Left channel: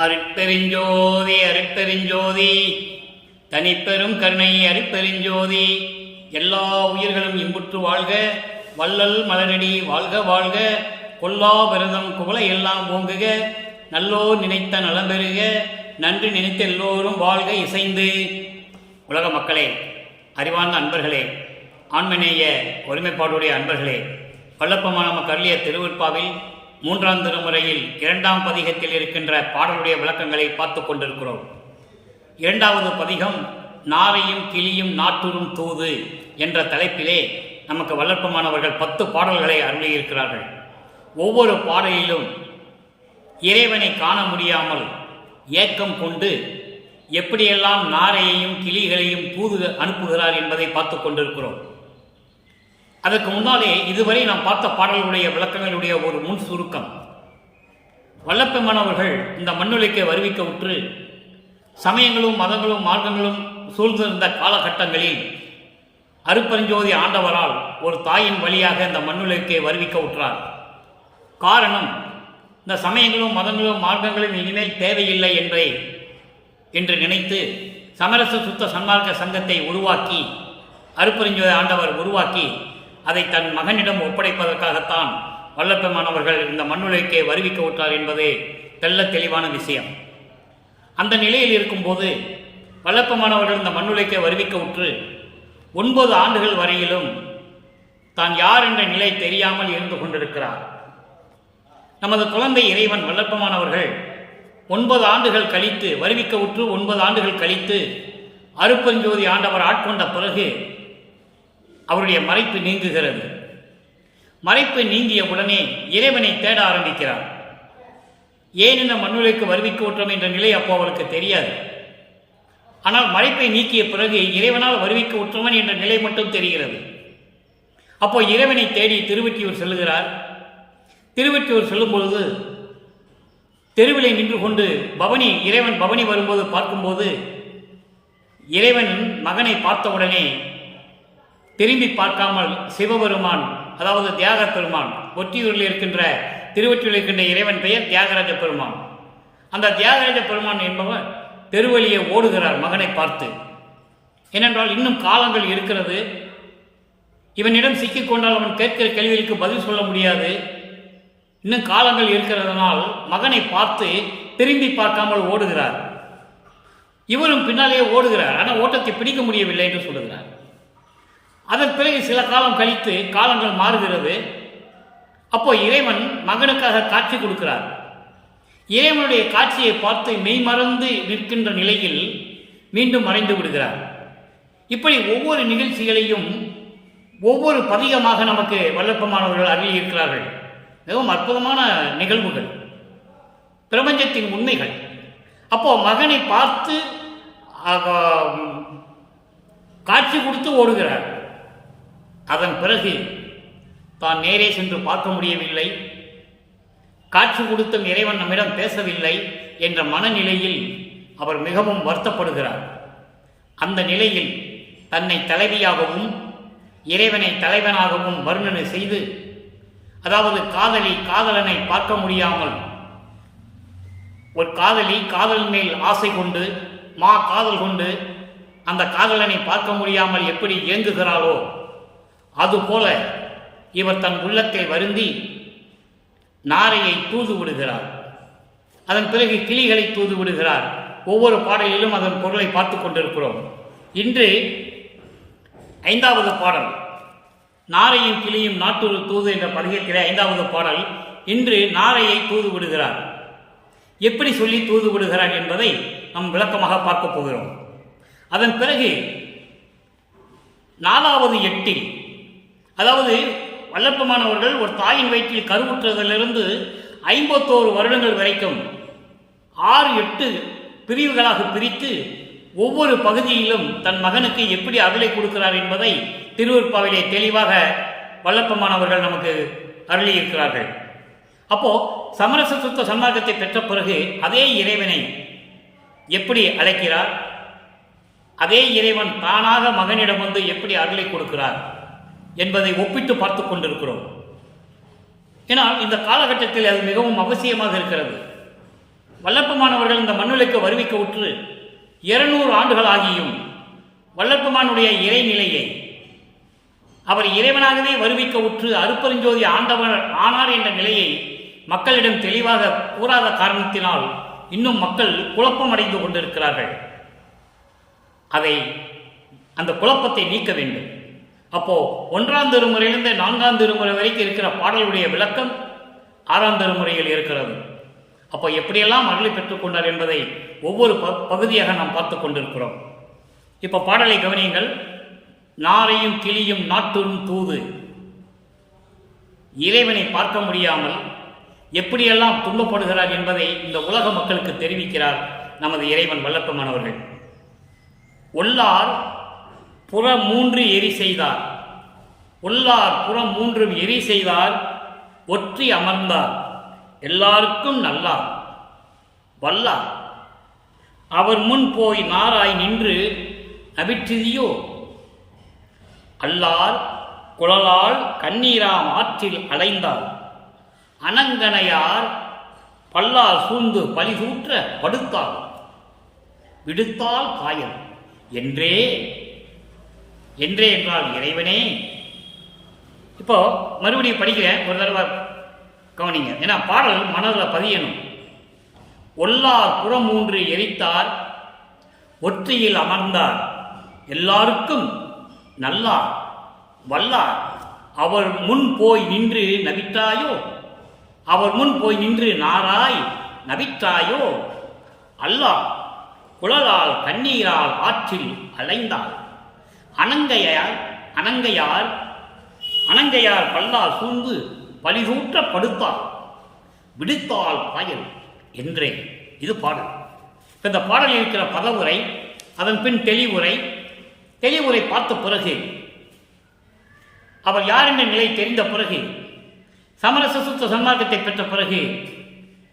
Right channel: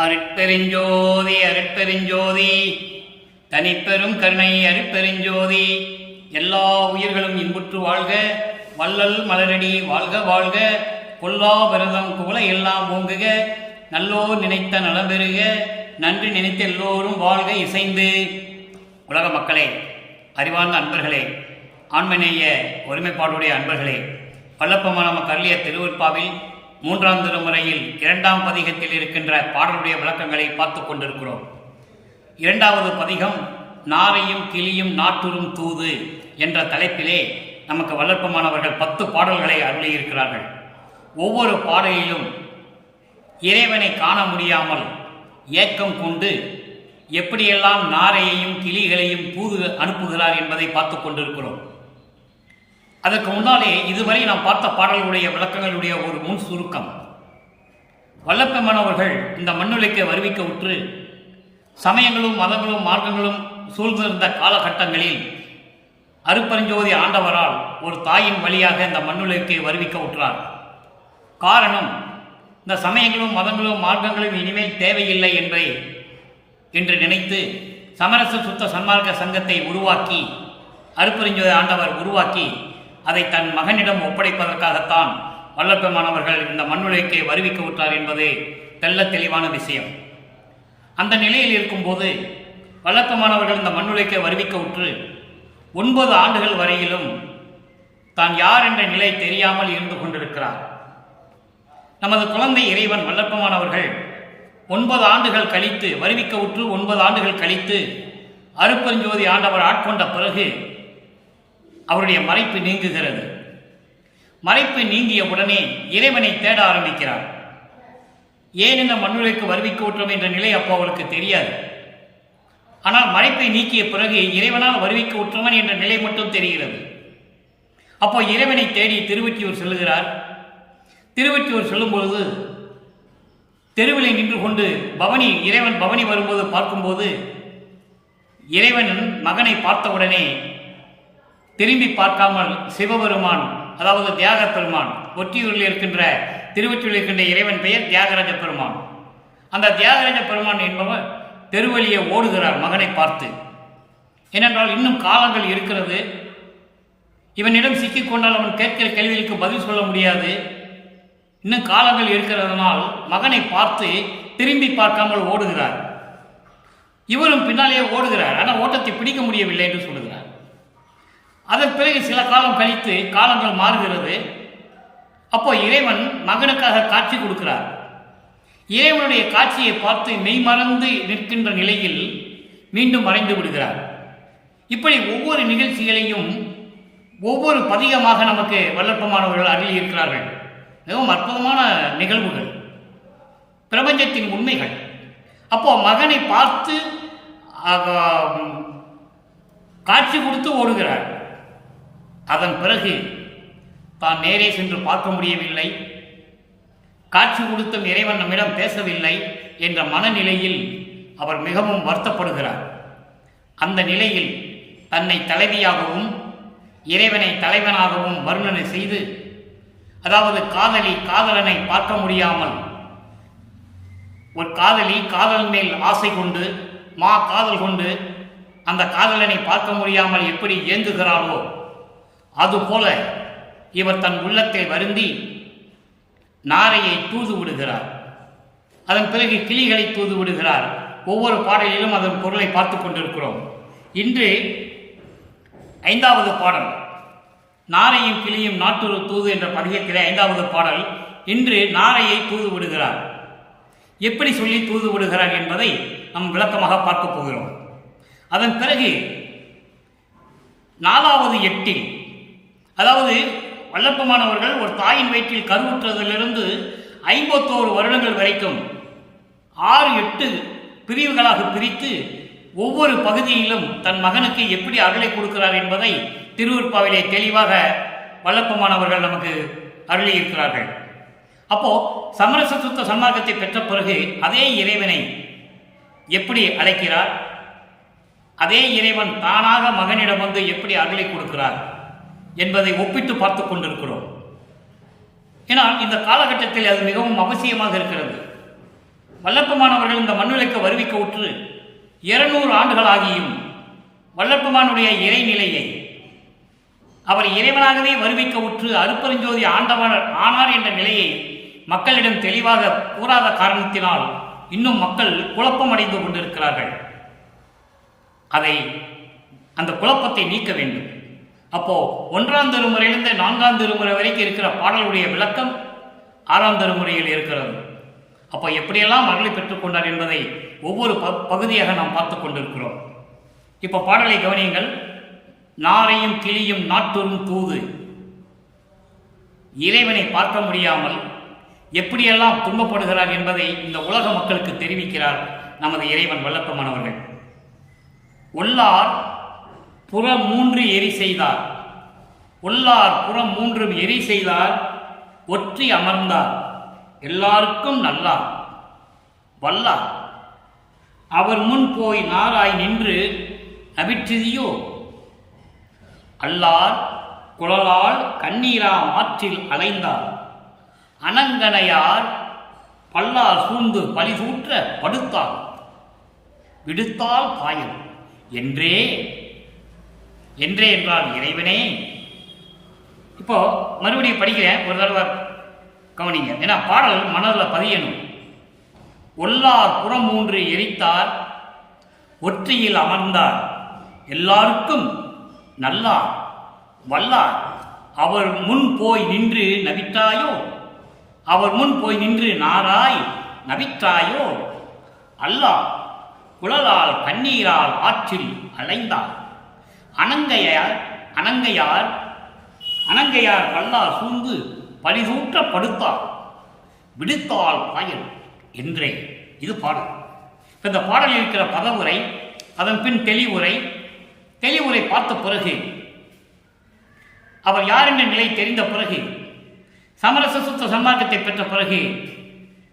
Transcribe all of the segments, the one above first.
அருட்பெருஞ்சோதி அருட்பெருஞ்சோதி தனிப்பெரும் கருணை அருட்பெருஞ்சோதி. எல்லா உயிர்களும் இன்புற்று வாழ்க, வள்ளல் மலரடி வாழ்க வாழ்க, கொல்லா விரதம் குவளை எல்லாம் ஓங்குக, நல்லோர் நினைத்த நலம் பெறுக, நன்றி நினைத்த எல்லோரும் வாழ்க இசைந்து. உலக மக்களே, அறிவார்ந்த அன்பர்களே, ஆண்மநேய ஒருமைப்பாடுடைய அன்பர்களே, வல்லப்பமான நமக்கு அருளிய திருவருட்பாவில் 3ஆம் திருமுறையில் 2ஆம் பதிகத்தில் இருக்கின்ற பாடலுடைய விளக்கங்களை பார்த்து கொண்டிருக்கிறோம். 2வது பதிகம் நாரையும் கிளியும் நாட்டுறும் தூது என்ற தலைப்பிலே நமக்கு வல்லப்பமானவர்கள் 10 பாடல்களை அருளியிருக்கிறார்கள். ஒவ்வொரு பாடலிலும் இறைவனை காண முடியாமல் ஏக்கம் கொண்டு எப்படியெல்லாம் நாரையையும் கிளிகளையும் தூது அனுப்புகிறார் என்பதை பார்த்து கொண்டிருக்கிறோம். அதற்கு முன்னாலே இதுவரை நாம் பார்த்த பாடல்களுடைய விளக்கங்களுடைய ஒரு முன் சுருக்கம். வல்லப்பெருமானவர்கள் இந்த மண்ணுலகை வருவிக்க உற்று சமயங்களும் மதங்களும் மார்க்கங்களும் சூழ்ந்திருந்த காலகட்டங்களில் அருட்பெருஞ்சோதி ஆண்டவரால் ஒரு தாயின் வழியாக இந்த மண்ணுலகை வருவிக்க உற்றார். காரணம், இந்த சமயங்களும் மதங்களும் மார்க்கங்களும் இனிமேல் தேவையில்லை என்று நினைத்து சமரச சுத்த சன்மார்க்க சங்கத்தை உருவாக்கி, அருட்பெருஞ்சோதி ஆண்டவர் உருவாக்கி அதை தன் மகனிடம் ஒப்படைப்பதற்காகத்தான் வல்லப்பெருமானவர்கள் இந்த மண்ணுலகை வருவிக்க உற்றார் என்பது தெள்ள தெளிவான விஷயம். அந்த நிலையில் இருக்கும்போது வல்லப்பெருமானவர்கள் இந்த மண்ணுலகை வருவிக்க உற்று 9 ஆண்டுகள் வரையிலும் தான் யார் என்ற நிலை தெரியாமல் இருந்து கொண்டிருக்கிறார். நமது குழந்தை இறைவன் வல்லப்பெருமானவர்கள் 9 ஆண்டுகள் கழித்து வருவிக்க உற்று 9 ஆண்டுகள் கழித்து அருட்பெருஞ்சோதி ஆண்டவர் ஆட்கொண்ட பிறகு அவருடைய மறைப்பு நீங்குகிறது. மறைப்பு நீங்கிய உடனே இறைவனை தேட ஆரம்பிக்கிறார். ஏன் இந்த மண்ணுலகுக்கு வருவிக்க உற்றோம் என்ற நிலை அப்போ அவருக்கு தெரியாது. ஆனால் மறைப்பை நீக்கிய பிறகு இறைவனால் வருவிக்க உற்றவன் என்ற நிலை மட்டும் தெரிகிறது. அப்போ இறைவனை தேடி திருவொற்றியூர் செல்லுகிறார். திருவொற்றியூர் செல்லும் பொழுது தெருவிலை நின்று கொண்டு இறைவன் பவனி வரும்போது பார்க்கும்போது இறைவன் மகனை பார்த்தவுடனே திரும்பி பார்க்காமல் சிவபெருமான், அதாவது தியாக பெருமான், ஒற்றியூரில் இருக்கின்ற திருவொற்றியூரில் இருக்கின்ற இறைவன் பெயர் தியாகராஜ பெருமான். அந்த தியாகராஜ பெருமான் என்பவர் தெருவழியை ஓடுகிறார் மகனை பார்த்து. ஏனென்றால் இன்னும் காலங்கள் இருக்கிறது, இவனிடம் சிக்கிக்கொண்டால் அவன் கேட்கிற கேள்விகளுக்கு பதில் சொல்ல முடியாது, இன்னும் காலங்கள் இருக்கிறதுனால் மகனை பார்த்து திரும்பி பார்க்காமல் ஓடுகிறார். இவரும் பின்னாலேயே ஓடுகிறார். ஆனால் ஓட்டத்தை பிடிக்க முடியவில்லை என்று சொல்லுகிறார். அதன் பிறகு சில காலம் கழித்து காலங்கள் மாறுகிறது. அப்போ இறைவன் மகனுக்காக காட்சி கொடுக்கிறார். இறைவனுடைய காட்சியை பார்த்து மெய்மறந்து நிற்கின்ற நிலையில் மீண்டும் மறைந்து விடுகிறார். இப்படி ஒவ்வொரு நிகழ்ச்சிகளையும் ஒவ்வொரு பதிகமாக நமக்கு வல்லப்பெருமானவர்கள் அருளியிருக்கிறார்கள். மிகவும் அற்புதமான நிகழ்வுகள், பிரபஞ்சத்தின் உண்மைகள். அப்போ மகனை பார்த்து காட்சி கொடுத்து ஓடுகிறார். அதன் பிறகு தான் நேரே சென்று பார்க்க முடியவில்லை, காட்சி கொடுத்தும் இறைவன் நம்மிடம் பேசவில்லை என்ற மனநிலையில் அவர் மிகவும் வருத்தப்படுகிறார். அந்த நிலையில் தன்னை தலைவியாகவும் இறைவனை தலைவனாகவும் வர்ணனை செய்து, அதாவது காதலனை பார்க்க முடியாமல், ஒரு காதல் மேல் ஆசை கொண்டு காதல் கொண்டு அந்த காதலனை பார்க்க முடியாமல் எப்படி இயங்குகிறாளோ அதுபோல இவர் தன் உள்ளத்தில் வருந்தி நாரையை தூது விடுகிறார். அதன் பிறகு கிளிகளை தூது விடுகிறார். ஒவ்வொரு பாடலிலும் அதன் பொருளை பார்த்து கொண்டிருக்கிறோம். இன்று 5வது பாடல் நாரையும் கிளியும் நாட்டுறு தூது என்ற பதிகத்திலே 5வது பாடல். இன்று நாரையை தூது விடுகிறார். எப்படி சொல்லி தூது விடுகிறார் என்பதை நாம் விளக்கமாக பார்க்க போகிறோம். அதன் பிறகு 4வது எட்டில், அதாவது வல்லப்பெருமானவர்கள் ஒரு தாயின் வயிற்றில் கருவுற்றதிலிருந்து 51 வருடங்கள் வரைக்கும் 6-8 பிரிவுகளாக பிரித்து ஒவ்வொரு பகுதியிலும் தன் மகனுக்கு எப்படி அருளை கொடுக்கிறார் என்பதை திருவருட்பாவிலே தெளிவாக வல்லப்பெருமானவர்கள் நமக்கு அருளியிருக்கிறார்கள். அப்போ சமரச சுத்த சன்மார்க்கத்தை பெற்ற பிறகு அதே இறைவனை எப்படி அழைக்கிறார், அதே இறைவன் தானாக மகனிடம் வந்து எப்படி அருளை கொடுக்கிறார் என்பதை ஒப்பிட்டு பார்த்து கொண்டிருக்கிறோம். ஏனால் இந்த காலகட்டத்தில் அது மிகவும் அவசியமாக இருக்கிறது. வல்லற்பமானவர்கள் இந்த மண்ணுலகுக்கு வருவிக்க உற்று 200 ஆண்டுகள் ஆகியும் வல்லற்பமானுடைய இறைநிலையை அவர் இறைவனாகவே வருவிக்க உற்று அருப்பெருஞ்சோதி ஆண்டவர் ஆனார் என்ற நிலையை மக்களிடம் தெளிவாக கூறாத காரணத்தினால் இன்னும் மக்கள் குழப்பமடைந்து கொண்டிருக்கிறார்கள். அந்த குழப்பத்தை நீக்க வேண்டும். அப்போ 1ஆம் திருமுறையிலிருந்து 4ஆம் திருமுறை வரைக்கும் இருக்கிற பாடலுடைய விளக்கம் 6ஆம் திருமுறையில் இருக்கிறது. அப்போ எப்படியெல்லாம் அருளை பெற்றுக்கொண்டார் என்பதை ஒவ்வொரு பகுதியாக நாம் பார்த்து கொண்டிருக்கிறோம். இப்போ பாடலை கவனியுங்கள். நாரையும் கிளியும் நாட்டுறும் தூது, இறைவனை பார்க்க முடியாமல் எப்படியெல்லாம் துன்பப்படுகிறார் என்பதை இந்த உலக மக்களுக்கு தெரிவிக்கிறார் நமது இறைவன் வல்லற்பமானவர்கள். ஒல்லார் புறம் 3 எரி செய்தார், ஒல்லார் புறம் 3 எரி செய்தார், ஒற்றி அமர்ந்தார், எல்லாருக்கும் நல்லார் வல்லார், அவர் முன் போய் நாராய் நின்று நபிற்றியோ, அல்லார் குழலால் கண்ணீராம் ஆற்றில் அலைந்தார், அனங்கனையார் பல்லார் சூழ்ந்து பலிசூற்ற படுத்தார், விடுத்தால் பாயல் என்றே என்றால் இறைவனே. இப்போ மறுபடியும் படிக்கிறேன், ஒரு தடவை கவனிங்க. ஏன்னா பாடல் மனதில் பதியணும். ஒல்லார் புறம் 3 எரித்தார், ஒற்றியில் அமர்ந்தார், எல்லாருக்கும் நல்லார் வல்லார், அவர் முன் போய் நின்று நபித்தாயோ, அவர் முன் போய் நின்று நாராய் நபித்தாயோ, அல்லாஹ் குழலால் கண்ணீரால் ஆற்றில் அலைந்தார், அனங்கையார் பல்லார் சூழ்ந்து பலிசூற்ற படுத்தார், விடுத்தால் பாயல் என்றே. இது பாடல். இப்போ இந்த பாடலில் இருக்கிற பதவுரை, அதன் பின் தெளிவுரை பார்த்த பிறகு, அவர் யார் என்ற நிலை தெரிந்த பிறகு, சமரச சுத்த சன்மார்க்கத்தை பெற்ற பிறகு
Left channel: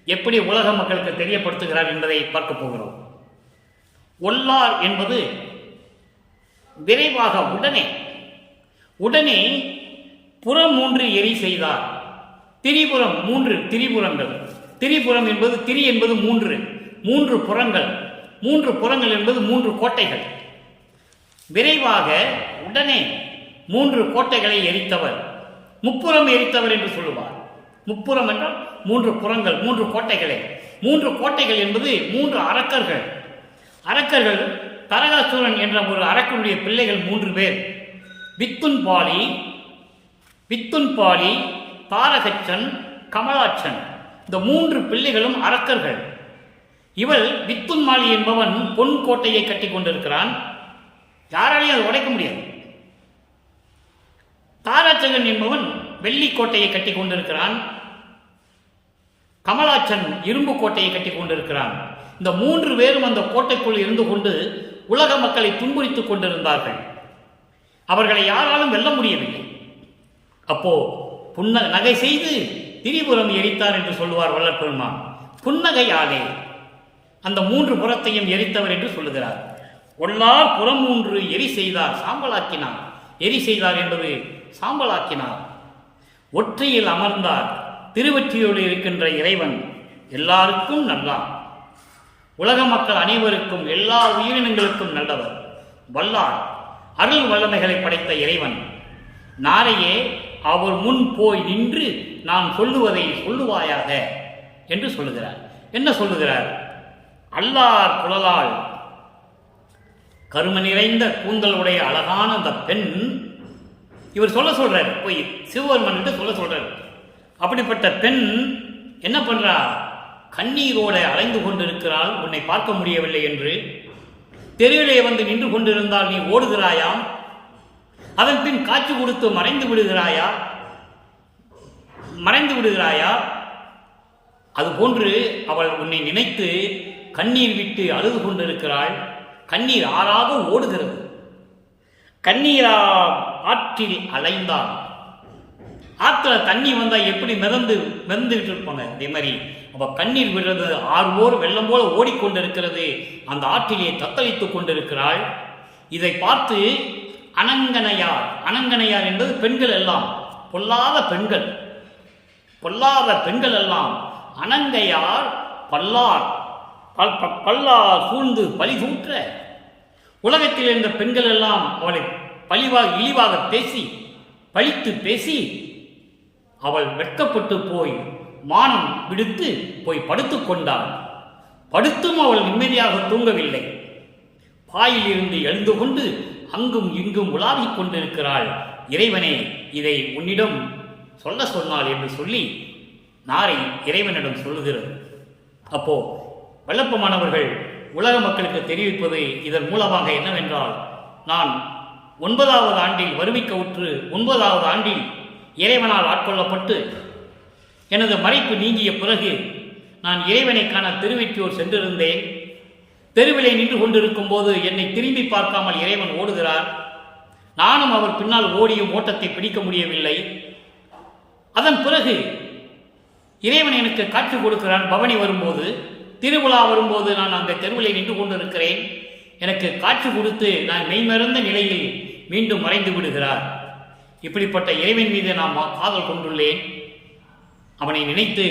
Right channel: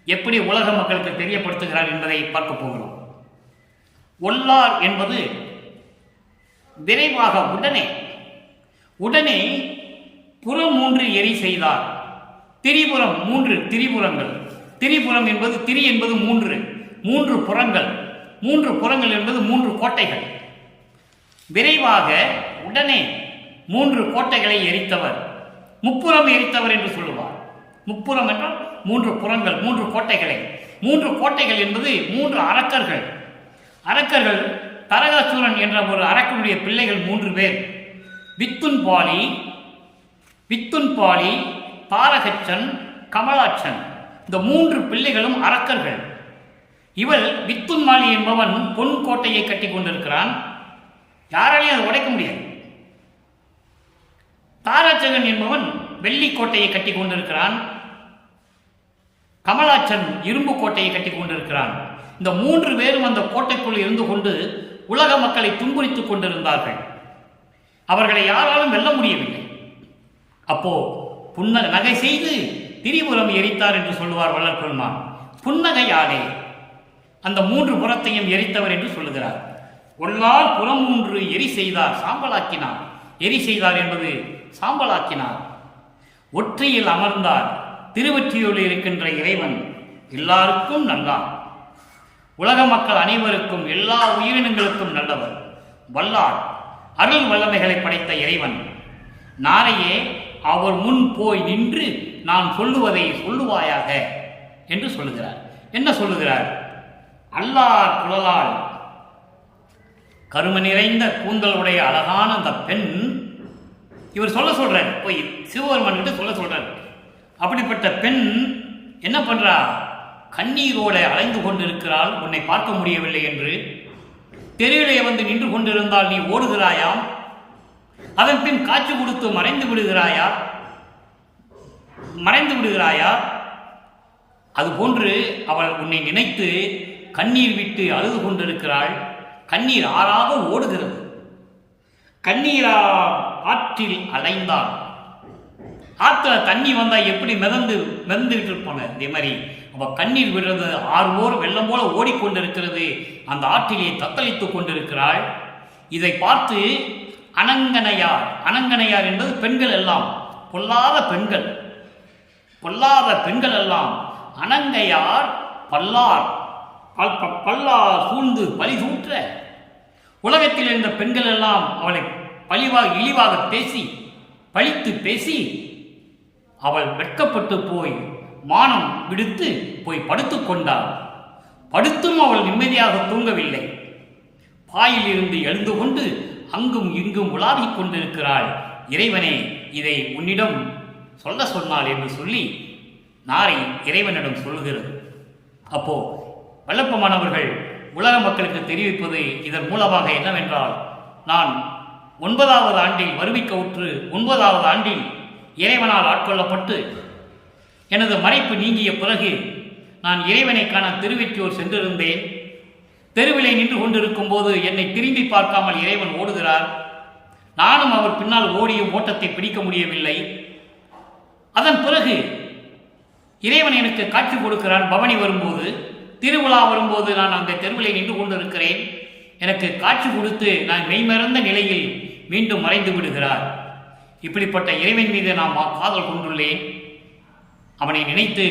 எப்படி உலக மக்களுக்கு தெரியப்படுத்துகிறார் என்பதை பார்க்க போகிறோம். ஒல்லார் என்பது விரைவாக உடனே புறம் 3 எரி செய்தார். திரிபுரம் 3 திரிபுரங்கள், திரிபுரம் என்பது திரி என்பது 3 புறங்கள், 3 புறங்கள் என்பது 3 கோட்டைகள். விரைவாக உடனே 3 கோட்டைகளை எரித்தவர், முப்புறம் எரித்தவர் என்று சொல்லுவார். முப்புறம் என்றால் 3 புறங்கள், 3 கோட்டைகளை. 3 கோட்டைகள் என்பது 3 அரக்கர்கள். தரகாசூரன் என்ற ஒரு அரக்கனுடைய பிள்ளைகள் 3 பேர். வித்துன்பாலி, தாரகச்சன், கமலாட்சன். இந்த 3 பிள்ளைகளும் அரக்கர்கள். இவள் வித்துன்மாலி என்பவன் பொன் கோட்டையை கட்டி கொண்டிருக்கிறான், யாராலையும் அதை உடைக்க முடியாது. தாராச்சகன் என்பவன் வெள்ளி கோட்டையை கட்டி கொண்டிருக்கிறான், கமலாட்சன் இரும்பு கோட்டையை கட்டி கொண்டிருக்கிறான். இந்த 3 பேரும் அந்த கோட்டைக்குள் இருந்து கொண்டு உலக மக்களை துன்புறுத்திக் கொண்டிருந்தார்கள். அவர்களை யாராலும் வெல்ல முடியவில்லை. அப்போ நகை செய்து திரிபுரம் எரித்தார் என்று சொல்லுவார் வல்லற்பெருமான். புன்னகையாலே அந்த 3 புறத்தையும் எரித்தவர் என்று சொல்லுகிறார். ஒல்லார் புறம் 3 எரி செய்தார், சாம்பலாக்கினார். எரி செய்தார் என்பது சாம்பலாக்கினார். ஒற்றையில் அமர்ந்தார், திருவொற்றியூரில் இருக்கின்ற இறைவன் எல்லாருக்கும் நல்லார், உலக மக்கள் அனைவருக்கும் எல்லா உயிரினங்களுக்கும் நல்லவர், வல்லார், அருள் வல்லமைகளை படைத்த இறைவன். நாரையே அவர் முன் போய் நின்று நான் சொல்லுவதை சொல்லுவாயாக என்று சொல்லுகிறார். என்ன சொல்லுகிறார்? அல்லார் குழலால், கரும நிறைந்த கூந்தலுடைய அழகான அந்த பெண், இவர் சொல்றார், போய் சிவபெருமான் கிட்ட சொல்றார். அப்படிப்பட்ட பெண் என்ன பண்றா? கண்ணீரோட அலைந்து கொண்டிருக்கிறாள், உன்னை பார்க்க முடியவில்லை என்று. தெருவிலே வந்து நின்று கொண்டிருந்தால் நீ ஓடுகிறாயாம், அதன் பின் காட்சி கொடுத்து மறைந்து விடுகிறாயா? அதுபோன்று அவள் உன்னை நினைத்து கண்ணீர் விட்டு அழுது கொண்டிருக்கிறாள். கண்ணீர் ஆறாக ஓடுகிறது. கண்ணீரா ஆற்றில் அலைந்தான். ஆற்றுல தண்ணி வந்தா எப்படி மிதந்துகிட்டு இருப்பாங்க, அதே மாதிரி அவ கண்ணீர் விடுறது ஆறுவோர் வெள்ளம் போல ஓடிக்கொண்டிருக்கிறது. அந்த ஆற்றிலே தத்தளித்துக் கொண்டிருக்கிறாள். இதை பார்த்து அனங்கனையார் என்பது பெண்கள் எல்லாம், பொல்லாத பெண்கள் எல்லாம், அனங்கையார் பல்லார் சூழ்ந்து பழி சூற்ற உலகத்தில் இருந்த பெண்கள் எல்லாம் அவளை இழிவாக பேசி பழித்து பேசி அவள் வெட்கப்பட்டு போய் மானம் விடுத்து போய் படுத்துக் கொண்டாள். படுத்தும் அவள் நிம்மதியாக தூங்கவில்லை. பாயில் இருந்து எழுந்து கொண்டு அங்கும் இங்கும் உலாவிக் கொண்டிருக்கிறாள். இறைவனே, இதை உன்னிடம் சொல்ல சொன்னாள் என்று சொல்லி நாரை இறைவனிடம் சொல்லுகிறது. அப்போ வல்லப்பமானவர்கள் உலக மக்களுக்கு தெரிவிப்பது இதன் மூலமாக என்னவென்றால், நான் 9வது ஆண்டில் வருவிக்க உற்று 9வது ஆண்டில் இறைவனால் ஆட்கொள்ளப்பட்டு எனது மறைப்பு நீங்கிய பிறகு நான் இறைவனை காண திருவெற்றியூர் சென்றிருந்தேன். தெருவிலை நின்று கொண்டிருக்கும் போது என்னை திரும்பி பார்க்காமல் இறைவன் ஓடுகிறார். நானும் அவர் பின்னால் ஓடியும் ஓட்டத்தை பிடிக்க முடியவில்லை. அதன் பிறகு இறைவன் எனக்கு காட்சி கொடுக்கிறான். பவனி வரும்போது, திருவிழா வரும்போது நான் அங்கே தெருவிலை நின்று கொண்டிருக்கிறேன். எனக்கு காட்சி கொடுத்து நான் மெய்மறந்த நிலையில் மீண்டும் மறைந்து விடுகிறார். இப்படிப்பட்ட இறைவன் மீது நான் காதல் கொண்டுள்ளேன். அவனை நினைத்து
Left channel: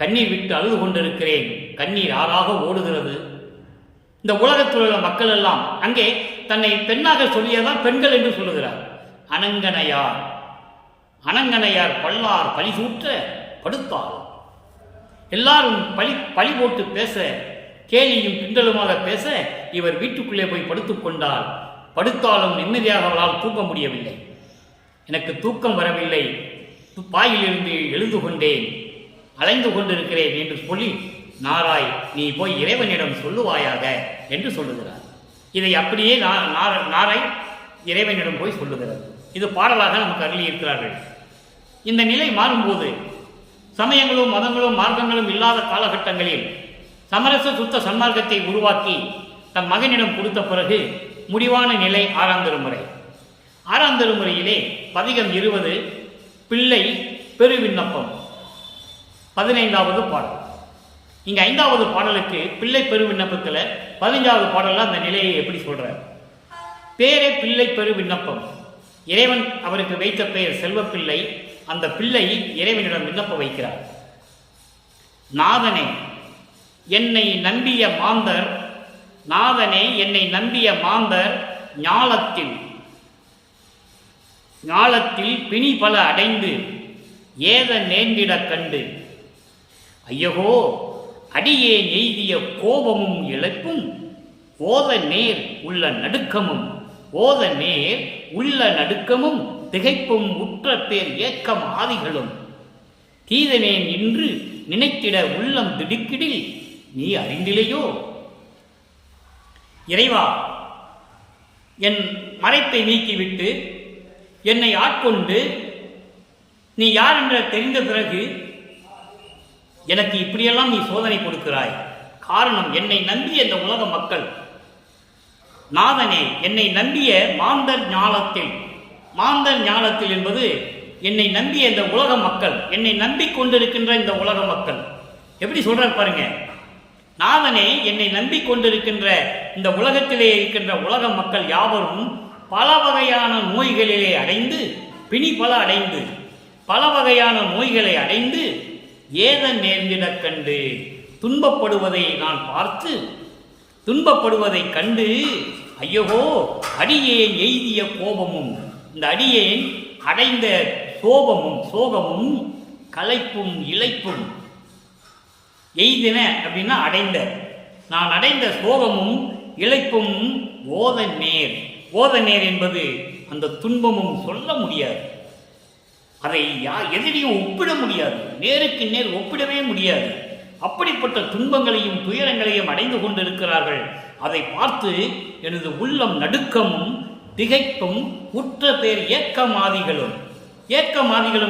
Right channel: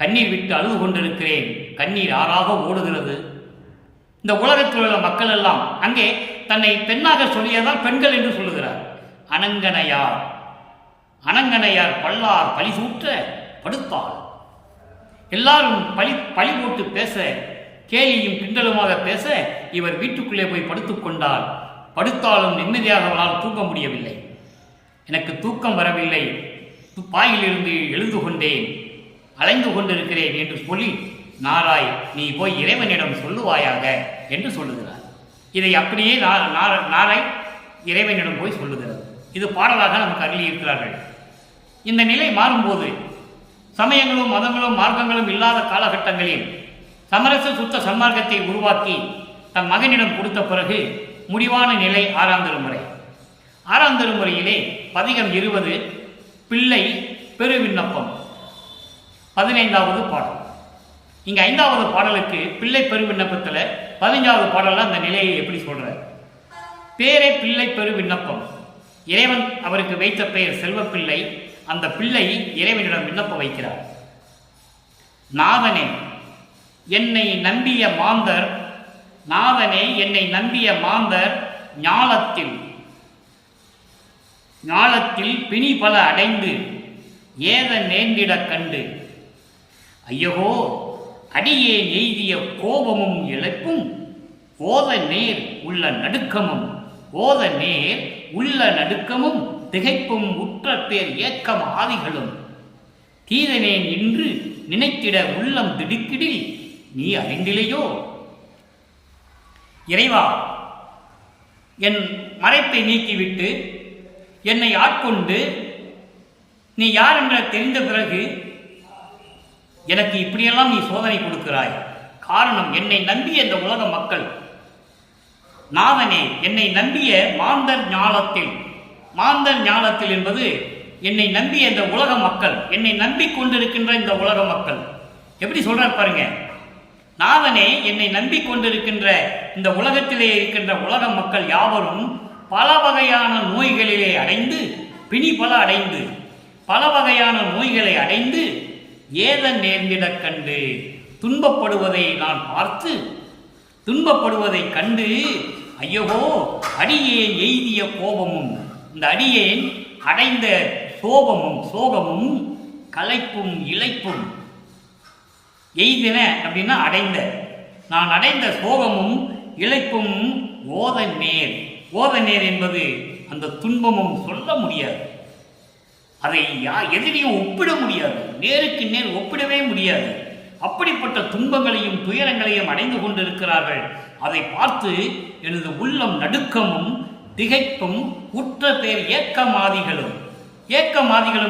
கண்ணீர் விட்டு அழுது கொண்டிருக்கிறேன். கண்ணீர் ஆறாக ஓடுகிறது. இந்த உலகத்தில் உள்ள மக்கள் எல்லாம் அங்கே தன்னை பெண்ணாக சொல்லியதால் பெண்கள் என்று சொல்லுகிறார். அனங்கனையார் பல்லார் பழி சூற்ற படுத்தாள். எல்லாரும் பழி போட்டு பேச, கேலியும் கிண்டலுமாக பேச, இவர் வீட்டுக்குள்ளே போய் படுத்துக் கொண்டால் படுத்தாலும் நிம்மதியாக அவளால் தூங்க முடியவில்லை. எனக்கு தூக்கம் வரவில்லை, பாயிலிருந்து எழுந்து கொண்டேன், அலைந்து கொண்டிருக்கிறேன் என்று சொல்லி, நாராய், நீ போய் இறைவனிடம் சொல்லுவாயாக என்று சொல்லுகிறார். இதை அப்படியே நாராய் இறைவனிடம் போய் சொல்லுகிறது. இது பாடலாக நமக்கு அருளியிருக்கிறார்கள். இந்த நிலை மாறும்போது, சமயங்களும் மதங்களும் மார்க்கங்களும் இல்லாத காலகட்டங்களில் சமரச சுத்த சன்மார்க்கத்தை உருவாக்கி தன் மகனிடம் கொடுத்த பிறகு முடிவான நிலை 6ஆம் திருமுறை. 6ஆம் திருமுறையிலே பதிகம் 20 பிள்ளை பெரு விண்ணப்பம் 15வது பாடல். இங்கே 5வது பாடலுக்கு பிள்ளை பெரு விண்ணப்பத்தில் 15வது பாடலில் அந்த நிலையை எப்படி சொல்றார்? பேரே பிள்ளை பெரு விண்ணப்பம். இறைவன் அவருக்கு வைத்த பெயர் செல்வப்பிள்ளை. அந்த பிள்ளை இறைவனிடம் விண்ணப்பம் வைக்கிறார். நாதனே என்னை நம்பிய மாந்தர், நாதனே என்னை நம்பிய மாந்தர் ஞாலத்தில் பிணி பல அடைந்து ஏத நேர்ந்திடக் கண்டு, ஐயகோ அடியேன் எய்திய கோபமும் இழப்பும் ஓத நேர் உள்ள நடுக்கமும் திகைப்பும் உற்ற பேர் ஏக்கம் ஆதிகளும் தீதனேன் என்று நினைத்திட உள்ளம் திடுக்கிடில் நீ அறிந்திலையோ. இறைவா, என் மறைப்பை நீக்கிவிட்டு என்னை ஆட்கொண்டு நீ யார் என்று தெரிந்த பிறகு எனக்கு இப்படியெல்லாம் நீ சோதனை கொடுக்கிறாய். காரணம், என்னை நம்பிய இந்த உலக மக்கள். நாதனே என்னை நம்பிய மாந்தர் ஞாலத்தில் என்பது என்னை நம்பிய இந்த உலக மக்கள், என்னை நம்பிக்கொண்டிருக்கின்ற இந்த உலக மக்கள். எப்படி சொல்றார் பாருங்க. நாதனே என்னை நம்பிக்கொண்டிருக்கின்ற இந்த உலகத்திலே இருக்கின்ற உலக மக்கள் யாவரும் பல வகையான நோய்களிலே அடைந்து, பிணி பல வகையான நோய்களை அடைந்து ஏத நேர்ந்திடக் கண்டு, துன்பப்படுவதை நான் பார்த்து, துன்பப்படுவதை கண்டு, ஐயோ அடியேன் எய்திய கோபமும், இந்த அடியேன் அடைந்த சோகமும் களைப்பும் இளைப்பும். எய்தின அப்படின்னா அடைந்த, நான் அடைந்த சோகமும் இளைப்பும் ஓத நேர் என்பது அந்த துன்பமும் சொல்ல முடியாது. அதை எதிரியும் ஒப்பிட முடியாது, நேருக்கு நேர் ஒப்பிடவே முடியாது. அப்படிப்பட்ட துன்பங்களையும் துயரங்களையும் அடைந்து கொண்டிருக்கிறார்கள். அதை பார்த்து எனது உள்ளம் நடுக்கமும் திகைப்பும் உற்ற பேர் ஏக்கமாதிகளும்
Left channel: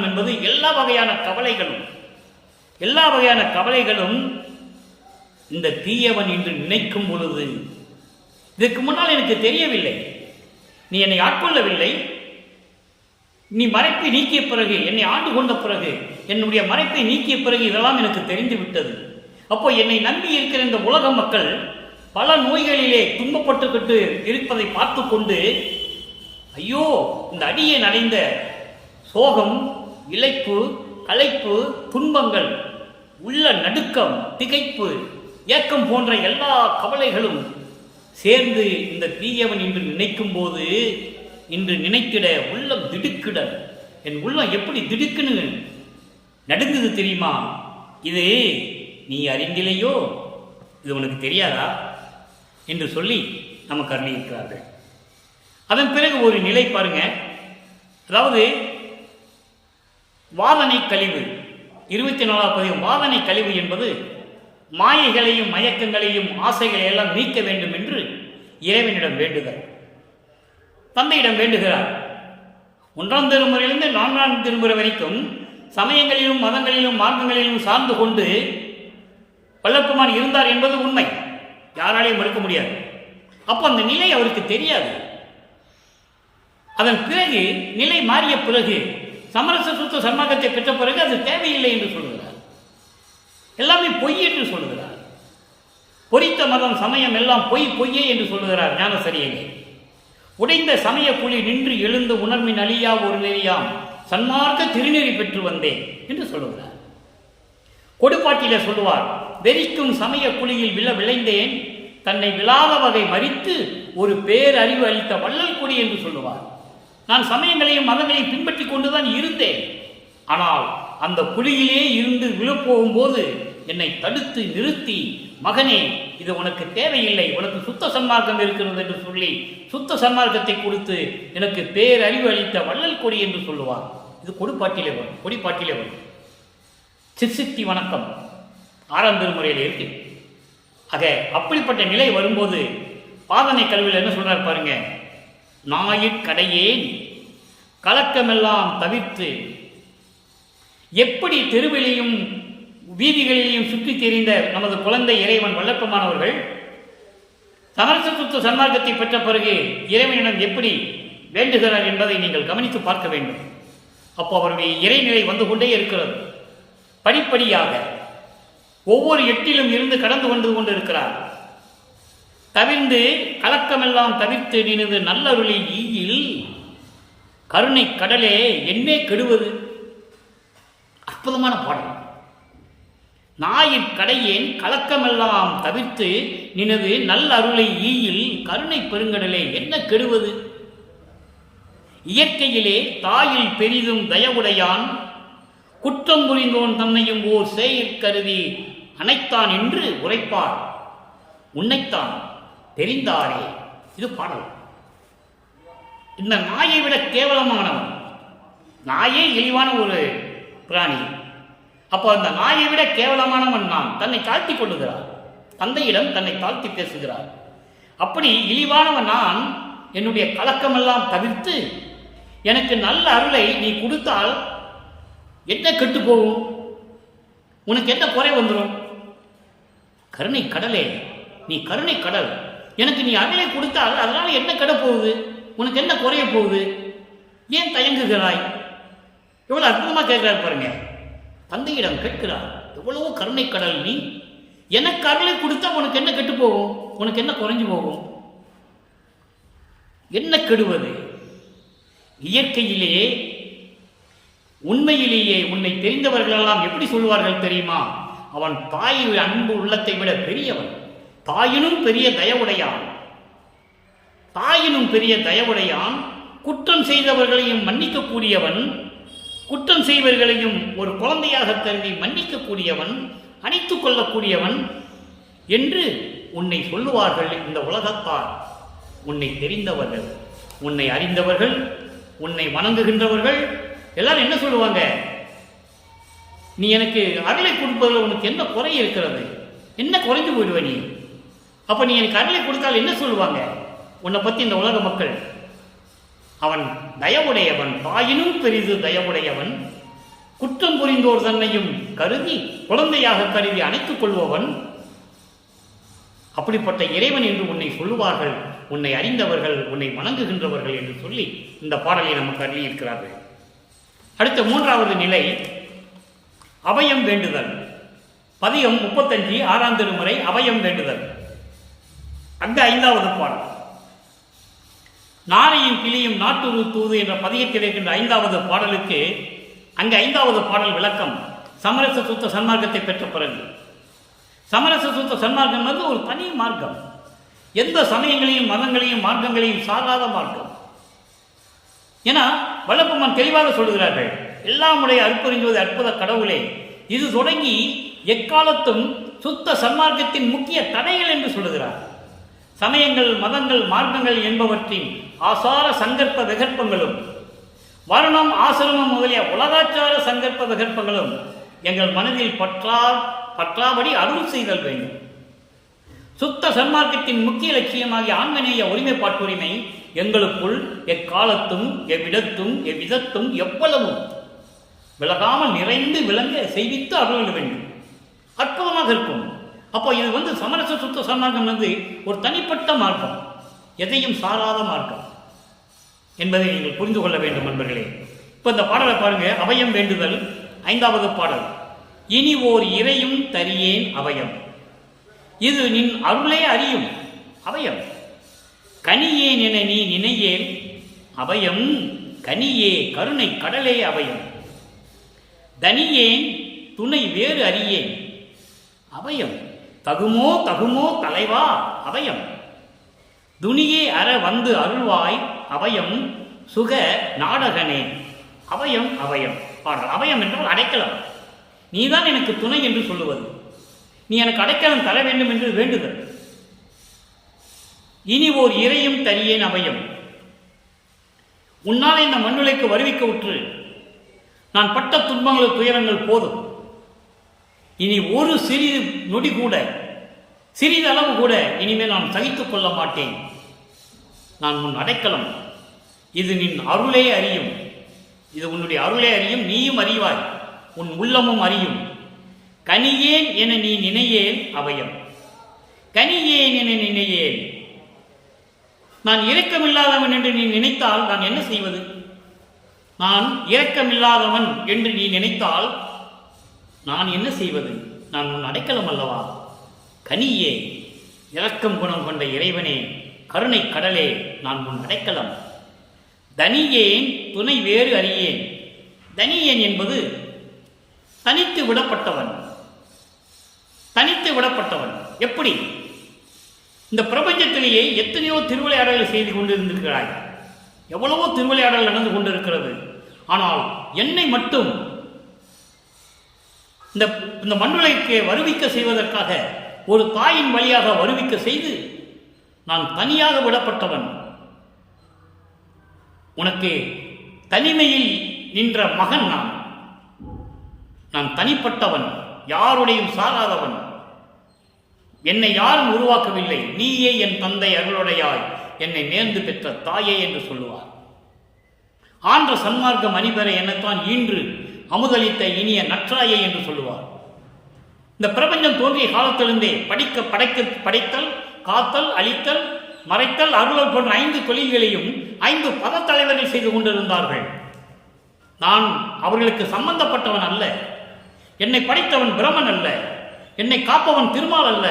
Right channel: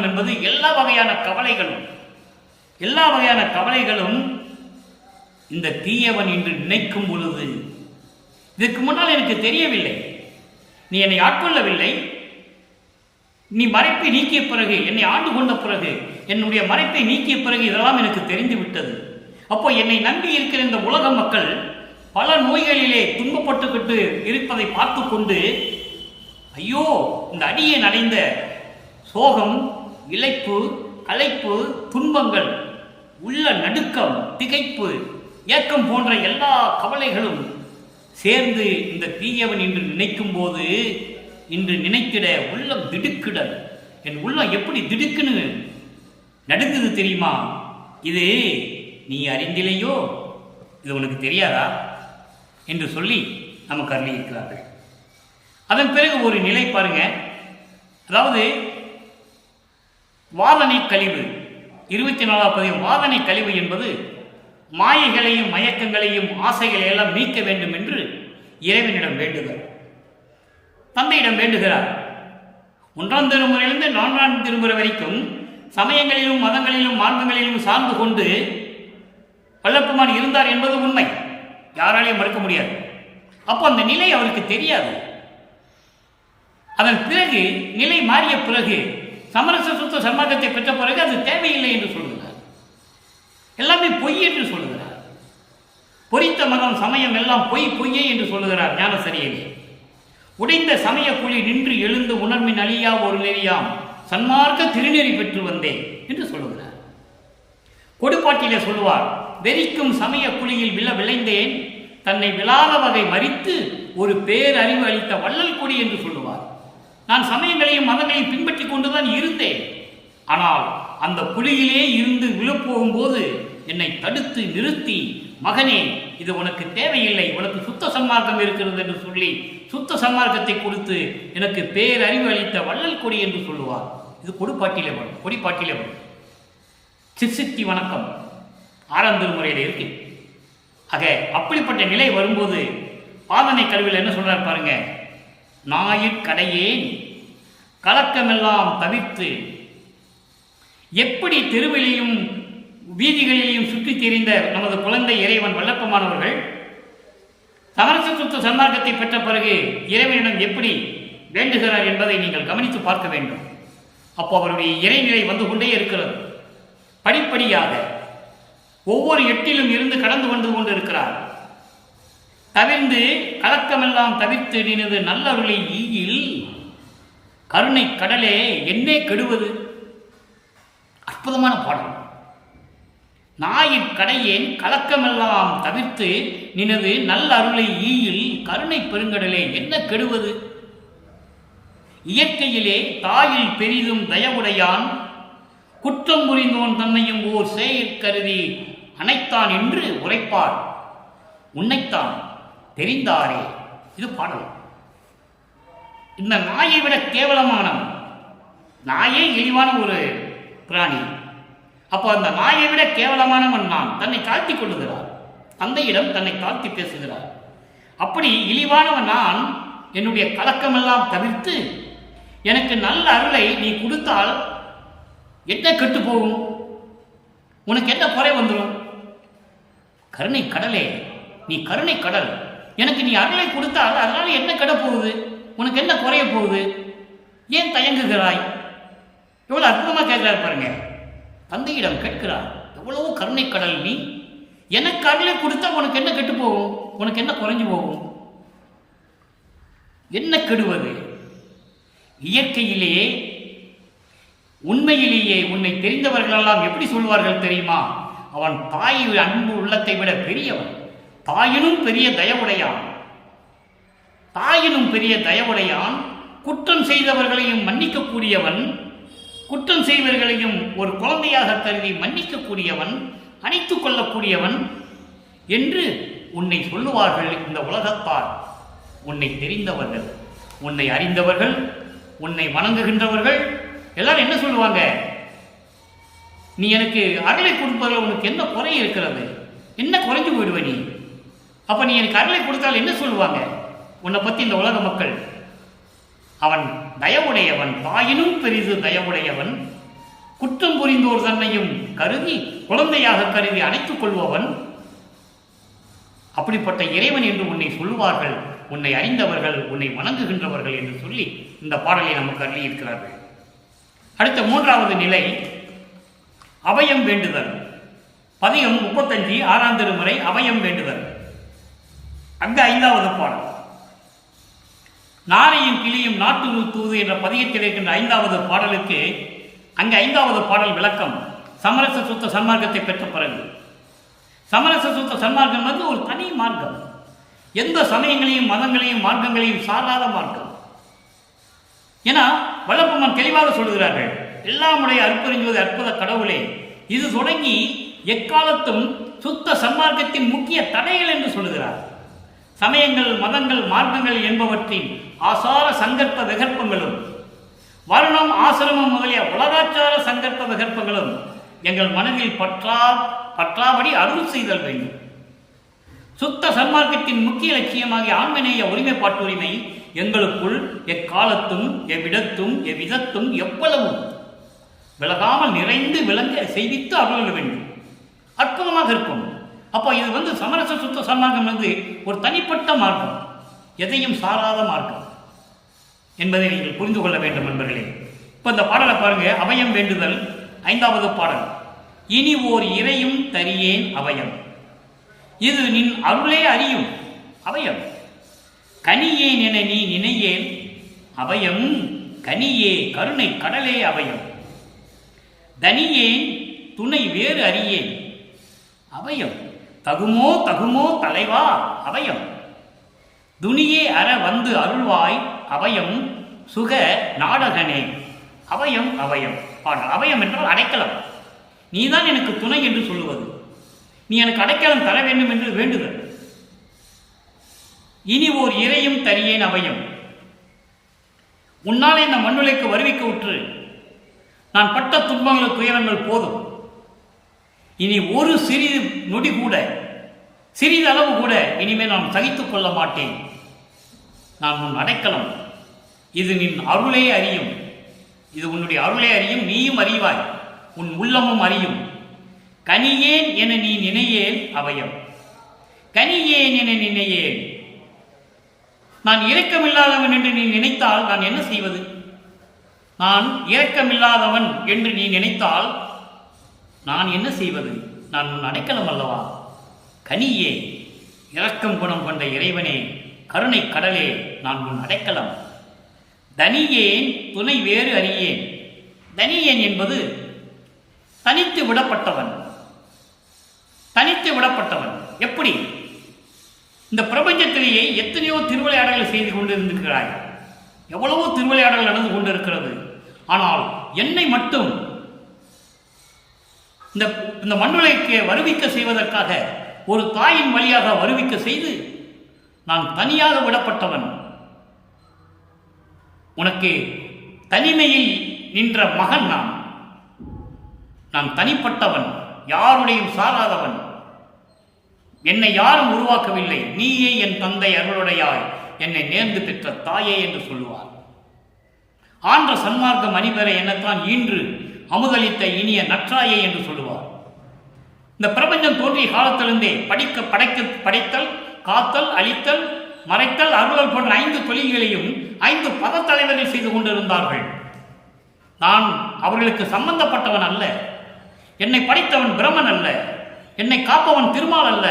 என்பது எல்லா வகையான கவலைகளும் இந்த தீயவன் என்று நினைக்கும் பொழுது, இதற்கு முன்னால் எனக்கு தெரியவில்லை, நீ என்னை ஆட்கொள்ளவில்லை, நீ மறைப்பை நீக்கிய பிறகு, என்னை ஆண்டு கொண்ட பிறகு, என்னுடைய மறைப்பை நீக்கிய பிறகு இதெல்லாம் எனக்கு தெரிந்து விட்டது. அப்போ என்னை நம்பி இருக்கிற இந்த உலக மக்கள் பல நோய்களிலே துன்பப்பட்டுக்கிட்டு இருப்பதை பார்த்து கொண்டு, ஐயோ இந்த அடியேன் அடைந்த சோகம், இளைப்பு, களைப்பு, துன்பங்கள் உள்ள நடுக்கம், திகைப்பு, ஏக்கம் போன்ற எல்லா கவலைகளும் சேர்ந்து இந்த தீயவன் என்று நினைக்கும் போது, இன்று நினைத்திட உள்ளம் திடுக்கிடல். என் உள்ளம் எப்படி திடுக்குன்னு நடுங்குது தெரியுமா? இது நீ அறிந்திலையோ, இது உனக்கு தெரியாதா என்று சொல்லி நமக்கு அருளியிருக்கிறார்கள். அதன் பிறகு ஒரு நிலை பாருங்க. அதாவது வாதனை கழிவு, 24வது பதிகம். வாதனை கழிவு என்பது மாயைகளையும் மயக்கங்களையும் ஆசைகளையெல்லாம் நீக்க வேண்டும் என்று இறைவனிடம் வேண்டுதல். தந்தையிடம் வேண்டுகிறார். 1ஆம் திருமுறையிலிருந்து 4ஆம் திருமுறை வரைக்கும் சமயங்களிலும் மதங்களிலும் மார்க்கங்களிலும் சார்ந்து கொண்டு வல்லப்பெருமான் இருந்தார் என்பது உண்மை, யாராலையும் மறுக்க முடியாது. அப்போ அந்த நிலை அவருக்கு தெரியாது. அதன் பிறகு நிலை மாறிய பிறகு, சமரச சுத்த சன்மார்க்கத்தை பெற்ற பிறகு அது தேவையில்லை என்று சொல்லுகிறார். எல்லாமே பொய் என்று சொல்லுகிறார். பொறித்த மதம் சமயம் எல்லாம் பொய்யே என்று சொல்லுகிறார் ஞானசரியிலே. உடைந்த சமய குழி நின்று எழுந்து உணர்வின் அழியா ஒரு நெறியாம் சன்மார்க்க திருநெறி பெற்று வந்தேன் என்று சொல்லுகிறார். கொடுப்பாட்டிலே சொல்லுவார், வெறிக்கும் சமய குழியில் விளைந்தேன், தன்னை விழாத வகை மறித்து ஒரு பேரறிவு அளித்த வள்ளல் கொடி என்று சொல்லுவார். நான் சமயங்களையும் மதங்களையும் பின்பற்றி கொண்டுதான் இருந்தேன். ஆனால் அந்த குழியிலே இருந்து விழப்போகும்போது என்னை தடுத்து நிறுத்தி, மகனே இது உனக்கு தேவையில்லை, உனக்கு சுத்த சன்மார்க்கம் இருக்கிறது என்று சொல்லி சுத்த சன்மார்க்கத்தை கொடுத்து எனக்கு பேரறிவு அளித்த வள்ளல் கொடி என்று சொல்லுவார். இது கொடுப்பாட்டிலே வரும், கொடிப்பாட்டிலே வரும். சிற்சித்தி வணக்கம் 6ஆம் திருமுறையில் இருக்கு. ஆக அப்படிப்பட்ட நிலை வரும்போது பாதனை கல்வியில் என்ன சொல்றார் பாருங்க. ஞாயிற்கடையேன் கலக்கமெல்லாம் தவிர்த்து, எப்படி தெருவிலையும் வீதிகளிலேயும் சுற்றி தெரிந்த நமது குழந்தை இறைவன் வல்லப்பெருமானவர்கள் சமரச சுத்த சன்மார்க்கத்தை பெற்ற பிறகு இறைவனிடம் எப்படி வேண்டுகிறார் என்பதை நீங்கள் கவனித்து பார்க்க வேண்டும். அப்போ அவருடைய இறைநிலை வந்து கொண்டே இருக்கிறது. படிப்படியாக ஒவ்வொரு எட்டிலும் இருந்து கடந்து கொண்டு இருக்கிறார். தவிர்ந்து கலக்கமெல்லாம் தவிர்த்து நினது நல்லருளை ஈயில் கருணை கடலே என்னே கெடுவது. அற்புதமான பாடல். ஞாயிற்கடையேன் கலக்கமெல்லாம் தவிர்த்து நினது நல்ல அருளை ஈயில் கருணை பெருங்கடலே என்ன கெடுவது. இயற்கையிலே தாயில் பெரிதும் தயவுடையான், குற்றம் புரிந்தோன் தன்னையும் ஓர் செயற்கருதி அனைத்தான் என்று உரைப்பார், உன்னைத்தான் தெரிந்தாரே. இது பாடல். இந்த நாயை விட கேவலமானவன். நாயே இழிவான ஒரு பிராணி. அப்போ அந்த நாயை விட கேவலமானவன் நான். தன்னை தாழ்த்தி கொள்ளுகிறார். தந்தையிடம் தன்னை தாழ்த்தி பேசுகிறார். அப்படி இழிவானவன் நான் என்னுடைய கலக்கமெல்லாம் தவிர்த்து எனக்கு நல்ல அருளை நீ கொடுத்தால் என்ன கெட்டு போகும்? உனக்கு என்ன குறை வந்துடும்? கருணை கடலே, நீ கருணை கடல். எனக்கு நீ அருளை கொடுத்தால் அதனால என்ன கெட போகுது? உனக்கு என்ன குறைய போகுது? ஏன் தயங்குகிறாய்? எவ்வளவு அற்புதமா கேட்கிறார் பாருங்க. தந்தையிடம் கேட்கிறார், எவ்வளவோ கருணை கடல் நீ, எனக்கு அருளை கொடுத்தா உனக்கு என்ன கெட்டு போகும்? உனக்கு என்ன குறைஞ்சு போகும்? என்ன கெடுவது? இயற்கையிலேயே உண்மையிலேயே உன்னை தெரிந்தவர்களெல்லாம் எப்படி சொல்வார்கள் தெரியுமா? அவன் தாய் அன்பு உள்ளத்தை விட பெரியவன், தாயினும் பெரிய தயவுடையான், தாயினும் பெரிய தயவுடையான், குற்றம் செய்தவர்களையும் மன்னிக்கக்கூடியவன், குற்றம் செய்வர்களையும் ஒரு குழந்தையாக கருதி மன்னிக்கக்கூடியவன், அணைத்துக் கொள்ளக்கூடியவன் என்று உன்னை சொல்லுவார்கள் இந்த உலகத்தார். உன்னை தெரிந்தவர்கள், உன்னை அறிந்தவர்கள், உன்னை வணங்குகின்றவர்கள் எல்லாரும் என்ன சொல்லுவாங்க? நீ எனக்கு அருளை கொடுப்பதில் உனக்கு என்ன குறை இருக்கிறது? என்ன குறைஞ்சு போயிடுவ நீ? அப்ப நீ எனக்கு அருளை கொடுத்தால் என்ன சொல்லுவாங்க உன்னை பத்தி இந்த உலக மக்கள்? அவன் தயவுடையவன், தாயினும் பெரிது தயவுடையவன், குற்றம் புரிந்தோர் தன்னையும் கருதி குழந்தையாக கருதி அணைத்துக் கொள்பவன், அப்படிப்பட்ட இறைவன் என்று உன்னை சொல்லுவார்கள் உன்னை அறிந்தவர்கள், உன்னை வணங்குகின்றவர்கள் என்று சொல்லி இந்த பாடலை நமக்கு அருளி இருக்கிறார்கள். அடுத்த 3வது நிலை அபயம் வேண்டுதல். பதிகம் 35 6ஆம் திருமுறை அபயம் வேண்டுதல். அங்க 5வது பாடல். நாரையும் கிளியும் நாட்டுரு தூது என்ற பதிகத்தில் இருக்கின்ற 5வது பாடலுக்கு அங்கு 5வது பாடல் விளக்கம். சமரச சுத்த சன்மார்க்கத்தை பெற்ற பிறகு. சமரச சுத்த சன்மார்க்கம் வந்து ஒரு தனி மார்க்கம், எந்த சமயங்களையும் மதங்களையும் மார்க்கங்களையும் சாராத மார்க்கம். ஏன்னா வல்லபெருமான் தெளிவாக சொல்லுகிறார்கள், எல்லாமுடைய அருட்பெருஞ்சோதி அற்புத கடவுளே, இது தொடங்கி எக்காலத்தும் சுத்த சன்மார்க்கத்தின் முக்கிய தடைகள் என்று சொல்லுகிறார். சமயங்கள் மதங்கள் மார்க்கங்கள் என்பவற்றின் ஆசார சங்கற்ப விகற்பங்களும் வருணம் ஆசிரமம் முதலிய உலகாச்சார சங்கற்ப விகற்பங்களும் எங்கள் மனதில் பற்றாபடி அருள் செய்தல் வேண்டும். சுத்த சன்மார்க்கத்தின் முக்கிய லட்சியமாகிய ஆன்மநேய ஒருமைப்பாட்டுரிமை எங்களுக்குள் எக்காலத்தும் எவ்விடத்தும் எவ்விதத்தும் எவ்வளவும் விலகாமல் நிறைந்து விளங்க செய்வித்து அருள வேண்டும். அற்புதமாக இருக்கும். அப்போ இது வந்து சமரச சுத்த சன்மார்க்கம் வந்து ஒரு தனிப்பட்ட மார்க்கம், எதையும் சாராத மார்க்கம் என்பதை நீங்கள் புரிந்து கொள்ள வேண்டும் நண்பர்களே. இப்போ இந்த பாடலை பாருங்க, அபயம் வேண்டுதல் 5வது பாடல். இனி ஓர் இறையும் தரியேன் அபயம், இது நின் அருளே அறியும் அபயம். கனியேன் என நீ நினையேல் அபயம், கனியே கருணை கடலே அபயம். தனியேன் துணை வேறு அறியேன் அபயம், தகுமோ தகுமோ தலைவா அபயம். துணியே அற வந்து அருள்வாய் அபயம், சுக நாடகனே அபயம் அபயம். பாடல். அபயம் என்றால் அடைக்கலம். நீதான் எனக்கு துணை என்று சொல்லுவது, நீ எனக்கு அடைக்கலம் தர வேண்டும் என்று வேண்டுதல். இனி ஓர் இறையும் தரியேன் அபயம், உன்னாலே இந்த மண்ணுலைக்கு வருவிக்க உற்று நான் பட்ட துன்பங்கள் துயரங்கள் போதும். இனி ஒரு சிறிது நொடி கூட, சிறிதளவு கூட இனிமேல் நான் சகித்துக் கொள்ள மாட்டேன். நான் உன் அடைக்கலம், இது நின் அருளே அறியும், இது உன்னுடைய அருளே அறியும், நீயும் அறிவாய், உன் உள்ளமும் அறியும். கனியேன் என நீ நினையேல் அபயம், கனியேன் என நினையேல். நான் இரக்கமில்லாதவன் என்று நீ நினைத்தால் நான் என்ன செய்வது? நான் இரக்கமில்லாதவன் என்று நீ நினைத்தால் நான் என்ன செய்வது? நான் உன் அடைக்கலம் அல்லவா? கனியே, இரக்கம் குணம் கொண்ட இறைவனே, கருணை கடலே, நான் உன் அடைக்கலம். தனியேன் துணை வேறு அறியேன். தனியேன் என்பது தனித்து விடப்பட்டவன். தனித்து விடப்பட்டவன் எப்படி? இந்த பிரபஞ்சத்திலேயே எத்தனையோ திருவிளையாடல்களை செய்து கொண்டிருந்திருக்கிறாய், எவ்வளவோ திருவிளையாடல் நடந்து கொண்டிருக்கிறது. ஆனால் என்னை மட்டும் இந்த மண்ணுலைக்கு வருவிக்க செய்வதற்காக ஒரு தாயின் வழியாக வருவிக்க செய்து நான் தனியாக விடப்பட்டவன். உனக்கு தனிமையில் நின்ற மகன் நான் தனிப்பட்டவன், யாருடையும் சாராதவன். என்னை யாரும் உருவாக்கவில்லை, நீயே என் தந்தை அருளுடையாய், என்னை நேர்ந்து பெற்ற தாயே என்று சொல்லுவார். ஆன்ற சன்மார்க்க மணிபெற என்னத்தான் ஈன்று அமுதளித்த இனிய நற்றாயே என்று சொல்லுவார். இந்த பிரபஞ்சம் தோன்றிய காலத்திலிருந்தே படைத்தல், காத்தல், அழித்தல், மறைத்தல், அருளல் போன்ற 5 தொழில்களையும் 5 பதத்தலைவர்கள் செய்து கொண்டிருந்தார்கள். நான் அவர்களுக்கு சம்பந்தப்பட்டவன் அல்ல. என்னை படைத்தவன் பிரமன் அல்ல, என்னை காப்பவன் திருமால் அல்ல,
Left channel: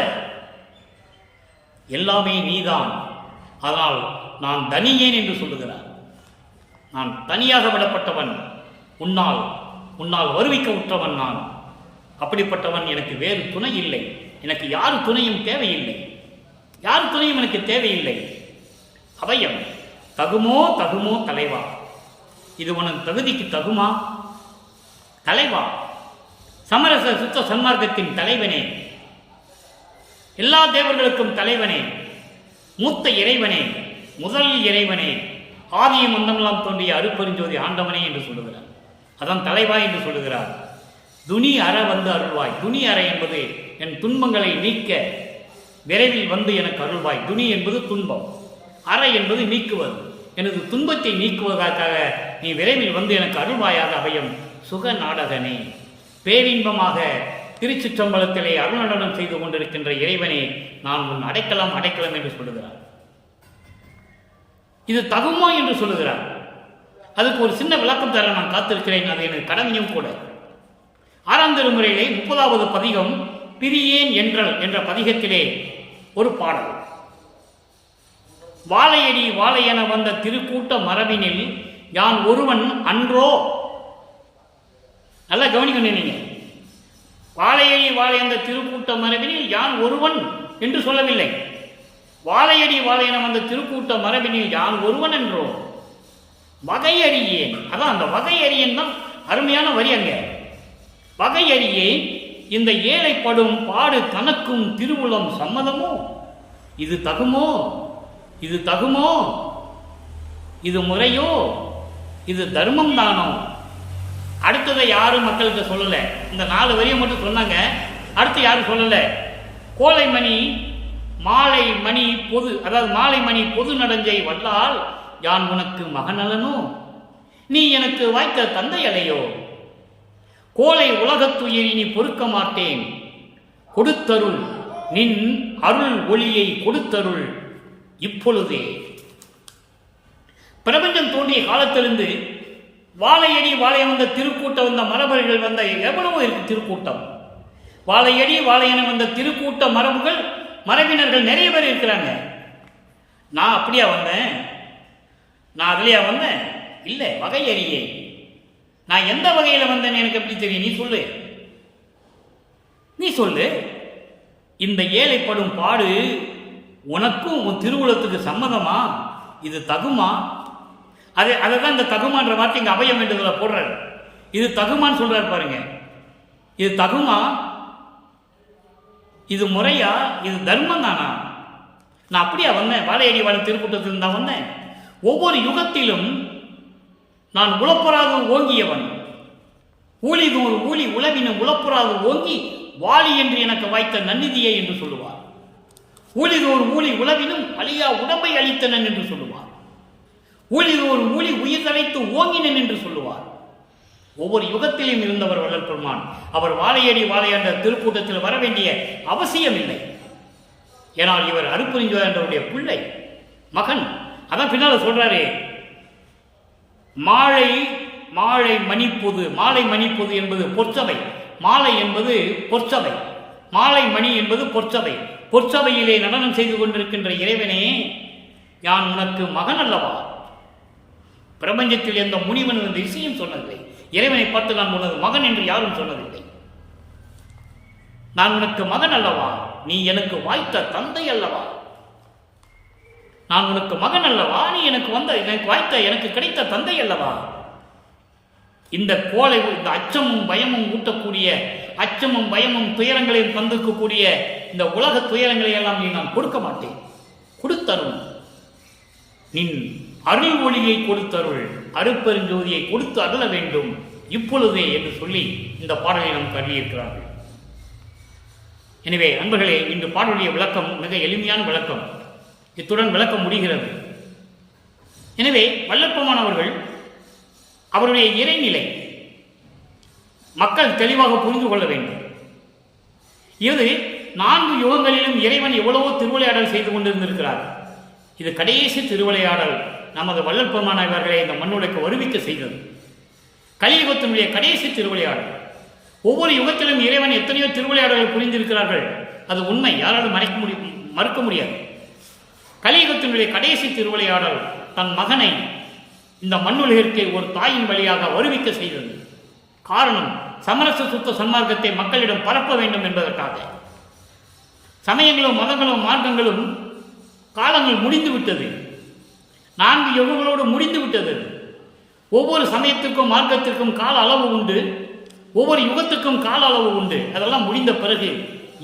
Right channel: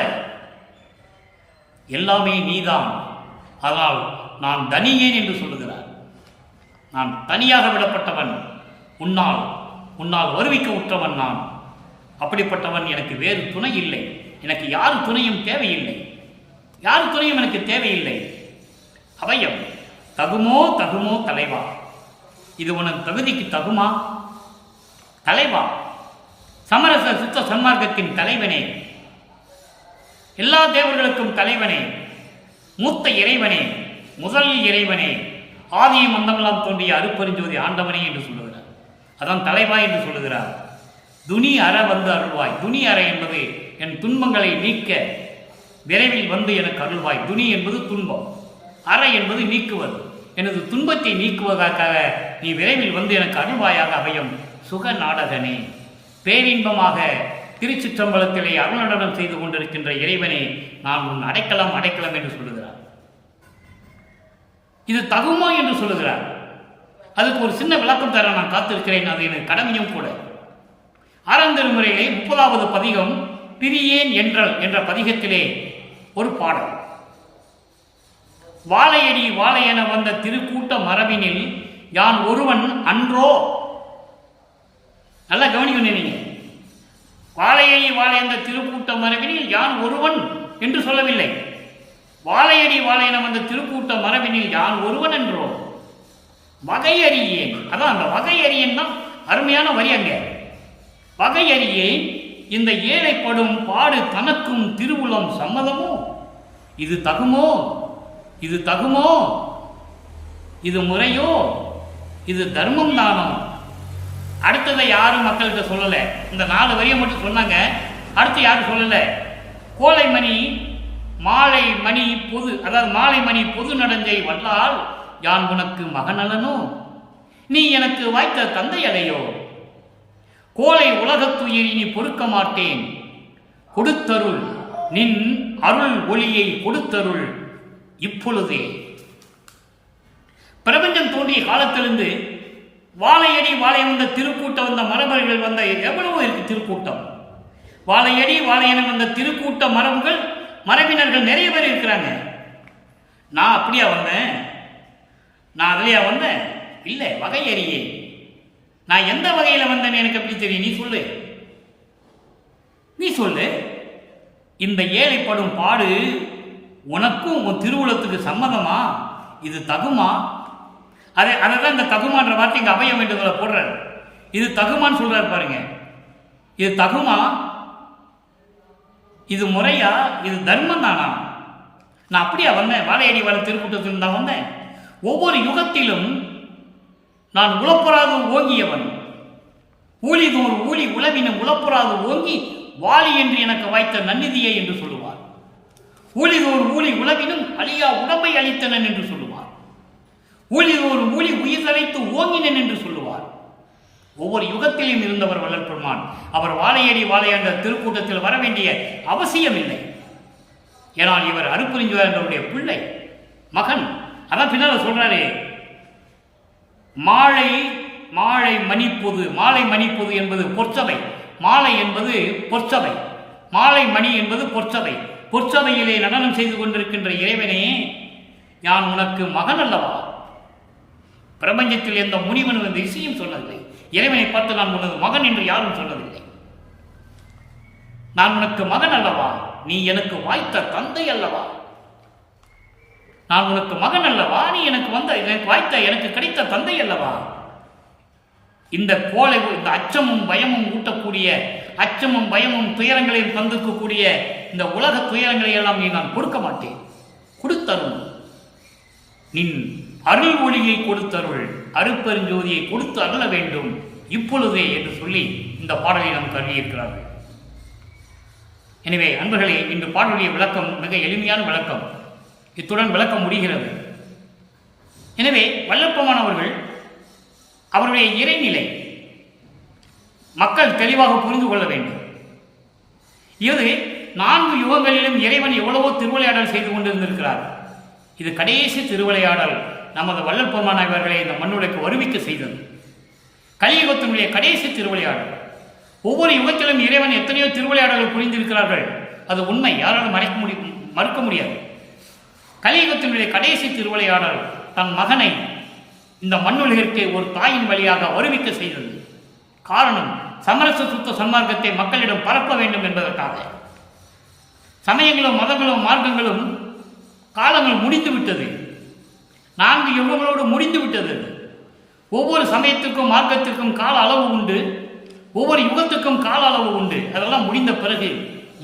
எல்லாமே நீதான். அதனால் நான் தனியேன் என்று சொல்லுகிறார். நான் தனியாக விடப்பட்டவன், உன்னால் வருவிக்க உற்றவன் நான். அப்படிப்பட்டவன், எனக்கு வேறு துணை இல்லை, எனக்கு யார் துணையும் தேவையில்லை, யார் துணையும் எனக்கு தேவையில்லை. அபயம், தகுமோ தகுமோ தலைவா, இது உனது தகுதிக்கு தகுமா? தலைவா, சமரச சுத்த சன்மார்க்கத்தின் தலைவனே, எல்லா தேவர்களுக்கும் தலைவனே, மூத்த இறைவனே, முதல் இறைவனே, ஆதியும் மந்தமெல்லாம் தோன்றிய அருட்பெருஞ்சோதி ஆண்டவனே என்று சொல்லுகிறார். அதான் தலைவா என்று சொல்லுகிறார். துணி அற வந்து அருள்வாய். துணி அற என்பது என் துன்பங்களை நீக்க விரைவில் வந்து எனக்கு அருள்வாய். துணி என்பது துன்பம், அற என்பது நீக்குவது. எனது துன்பத்தை நீக்குவதற்காக நீ விரைவில் வந்து எனக்கு அருள்வாயாக. அபயம், சுக நாடகனே, பேரின்பமாக திருச்சிற்றம்பலத்திலே அருள்நடனம் செய்து கொண்டிருக்கின்ற இறைவனே, நான் உன் அடைக்கலம் என்று சொல்லுகிறார். இது தகுமோ என்று சொல்லுகிறார். அதுக்கு ஒரு சின்ன விளக்கம் தர நான் காத்திருக்கிறேன், அது எனக்கு கடமையும் கூட. 6ஆம் திருமுறையிலே 30வது பதிகம் பிரியேன் என்றல் என்ற பதிகத்திலே ஒரு பாடல். வாழையடி வாழையென வந்த திருக்கூட்ட மரபினில் யான் ஒருவன் அன்றோ. நல்லா கவனிக்கணும் நீங்க. வாழையடி வாழை என்ற திருக்கூட்ட மரபினில் யான் ஒருவன் என்று சொல்லவில்லை. வாழையடி வாழையன வந்த திருக்கூட்ட மரபினில் யான் ஒருவன் என்றோ. வகையறியேன், அதான் அந்த வகையறியேன் தான் அருமையான வரி. அங்க வகையறியேன், இந்த ஏழைப்படும் பாடு தனக்கும் திருவுளம் சம்மதமோ? இது தகுமோ? இது தகுமோ? இது முறையோ? இது தர்மம் தானோ? அடுத்ததை யாரும் மக்கள்கிட்ட சொல்லலை. இந்த 4 வரியை மட்டும் சொன்னாங்க. அடுத்து யாரும் சொல்லலை. கோலைமணி மாலை மணி பொது, அதாவது மாலை மணி பொது நடஞ்சை வல்லால் யான் உனக்கு மகனலனோ? நீ எனக்கு வாய்த்த தந்தை அலையோ? கோலை உலகத்துயிர் இனி பொறுக்க மாட்டேன், கொடுத்தருள் நின் அருள் ஒளியை கொடுத்தருள் இப்பொழுதே. பிரபஞ்சம் தோன்றிய காலத்திலிருந்து வாழையடி வாழை வந்த திருக்கூட்டம் வந்த மரபர்கள் வந்த எவ்வளவோ இருக்கு. திருக்கூட்டம் வாழையடி வாழையன வந்த திருக்கூட்ட மரபுகள் மரபினர்கள் நிறைய பேர் இருக்கிறாங்க. நான் அப்படியா வந்தேன்? நான் அதுலையா வந்தேன்? இல்லை, வகையறியே. நான் எந்த வகையில் வந்தேன்னு எனக்கு எப்படி தெரியும்? நீ சொல்லு, நீ சொல்லு. இந்த ஏழைப்படும் பாடு உனக்கும் உன் திருவுளத்துக்கு சம்மதமா? இது தகுமா? அதை தான் இந்த தகுமான்ற வார்த்தை இங்கே அபயம் என்று போடுறாரு. இது தகுமான்னு சொல்றாரு பாருங்க. இது தகுமா? இது முறையா? இது தர்மம் தானா? நான் அப்படியா வந்தேன்? வாழையடி வாழை திருக்கூட்டத்தில் தான் வந்தேன். ஒவ்வொரு யுகத்திலும் நான் உளப்புறாது ஓங்கியவன். ஊழிதோர் ஊழி உளவினும் உளப்புறாது ஓங்கி வாலி என்று எனக்கு வாய்த்த நன்னிதியை என்று சொல்லுவார். ஊழிதோர் ஊழி உளவினும் அழியா உடம்பை அளித்தனன் என்று சொல்லுவார். ஊழிதோர் ஊழி உயிர் தலைத்து ஓங்கினன் என்று சொல்லுவார். ஒவ்வொரு யுகத்திலும் இருந்தவர் வள்ளல் பெருமான். அவர் வாழையடி வாழையாண்ட திருக்கூட்டத்தில் வர வேண்டிய அவசியம் இல்லை. ஏனால் இவர் அருட்பெருஞ்சோதியாருடைய பிள்ளை, மகன். அதான் பின்னால் சொல்றாரு, மாலை மாலை மணிப்பொது. மாலை மணிப்பொது என்பது பொற்சபை. மாலை என்பது பொற்சபை, மாலை மணி என்பது பொற்சபை. பொற்சபையிலே நடனம் செய்து கொண்டிருக்கின்ற இறைவனே, யான் உனக்கு மகன் அல்லவா? பிரபஞ்சத்தில் எந்த முனிவன் என்ற இசையும் சொன்னதில்லை. இறைவனை பார்த்து நான் உனது மகன் என்று யாரும் சொன்னதில்லை. நான் உனக்கு மகன் அல்லவா? நீ எனக்கு வாய்த்த தந்தை அல்லவா? நான் உனக்கு மகன் அல்லவா? நீ எனக்கு வாய்த்த எனக்கு கிடைத்த தந்தை அல்லவா? இந்த கோலை, இந்த அச்சமும் பயமும் ஊட்டக்கூடிய, அச்சமும் பயமும் துயரங்களையும் தந்திருக்கக்கூடிய இந்த உலக துயரங்களை எல்லாம் நீ நான் கொடுக்க மாட்டேன். கொடுத்தருள் நின் அருள் ஒளியை கொடுத்தருள், அருட்பெருஞ்சோதியை கொடுத்து அருள வேண்டும் இப்பொழுதே என்று சொல்லி இந்த பாடலை நாம் கருதியிருக்கிறார்கள். எனவே அன்பர்களே, இன்று பாடலுடைய விளக்கம் மிக எளிமையான விளக்கம். இத்துடன் விளக்கம் முடிகிறது. எனவே வல்லப்பெருமான் அவர்கள் அவருடைய இறைநிலை மக்கள் தெளிவாக புரிந்து கொள்ள வேண்டும். இது 4 யுகங்களிலும் இறைவன் எவ்வளவோ திருவிளையாடல் செய்து கொண்டிருந்திருக்கிறார். இது கடைசி திருவிளையாடல் நமது வள்ளல் பெருமான் அவர்களை இந்த மண்ணுலைக்கு வருவிக்க செய்தது. கலியுகத்தினுடைய கடைசி திருவிளையாடல். ஒவ்வொரு யுகத்திலும் இறைவன் எத்தனையோ திருவிளையாடல்கள் புரிந்திருக்கிறார்கள். அது உண்மை, யாராலும் மறுக்க முடியாது. கலியுகத்தினுடைய கடைசி திருவிளையாடல் தன் மகனை இந்த மண்ணுலகிற்கு ஒரு தாயின் வழியாக வருவிக்க செய்தது. காரணம், சமரச சுத்த சன்மார்க்கத்தை மக்களிடம் பரப்ப வேண்டும் என்பதற்காக. சமயங்களும் மதங்களும் மார்க்கங்களும் காலங்கள் முடிந்துவிட்டது. 4 யுகங்களோடு முடிந்துவிட்டது. ஒவ்வொரு சமயத்திற்கும் மார்க்கத்திற்கும் கால அளவு உண்டு, ஒவ்வொரு யுகத்துக்கும் கால அளவு உண்டு. அதெல்லாம் முடிந்த பிறகு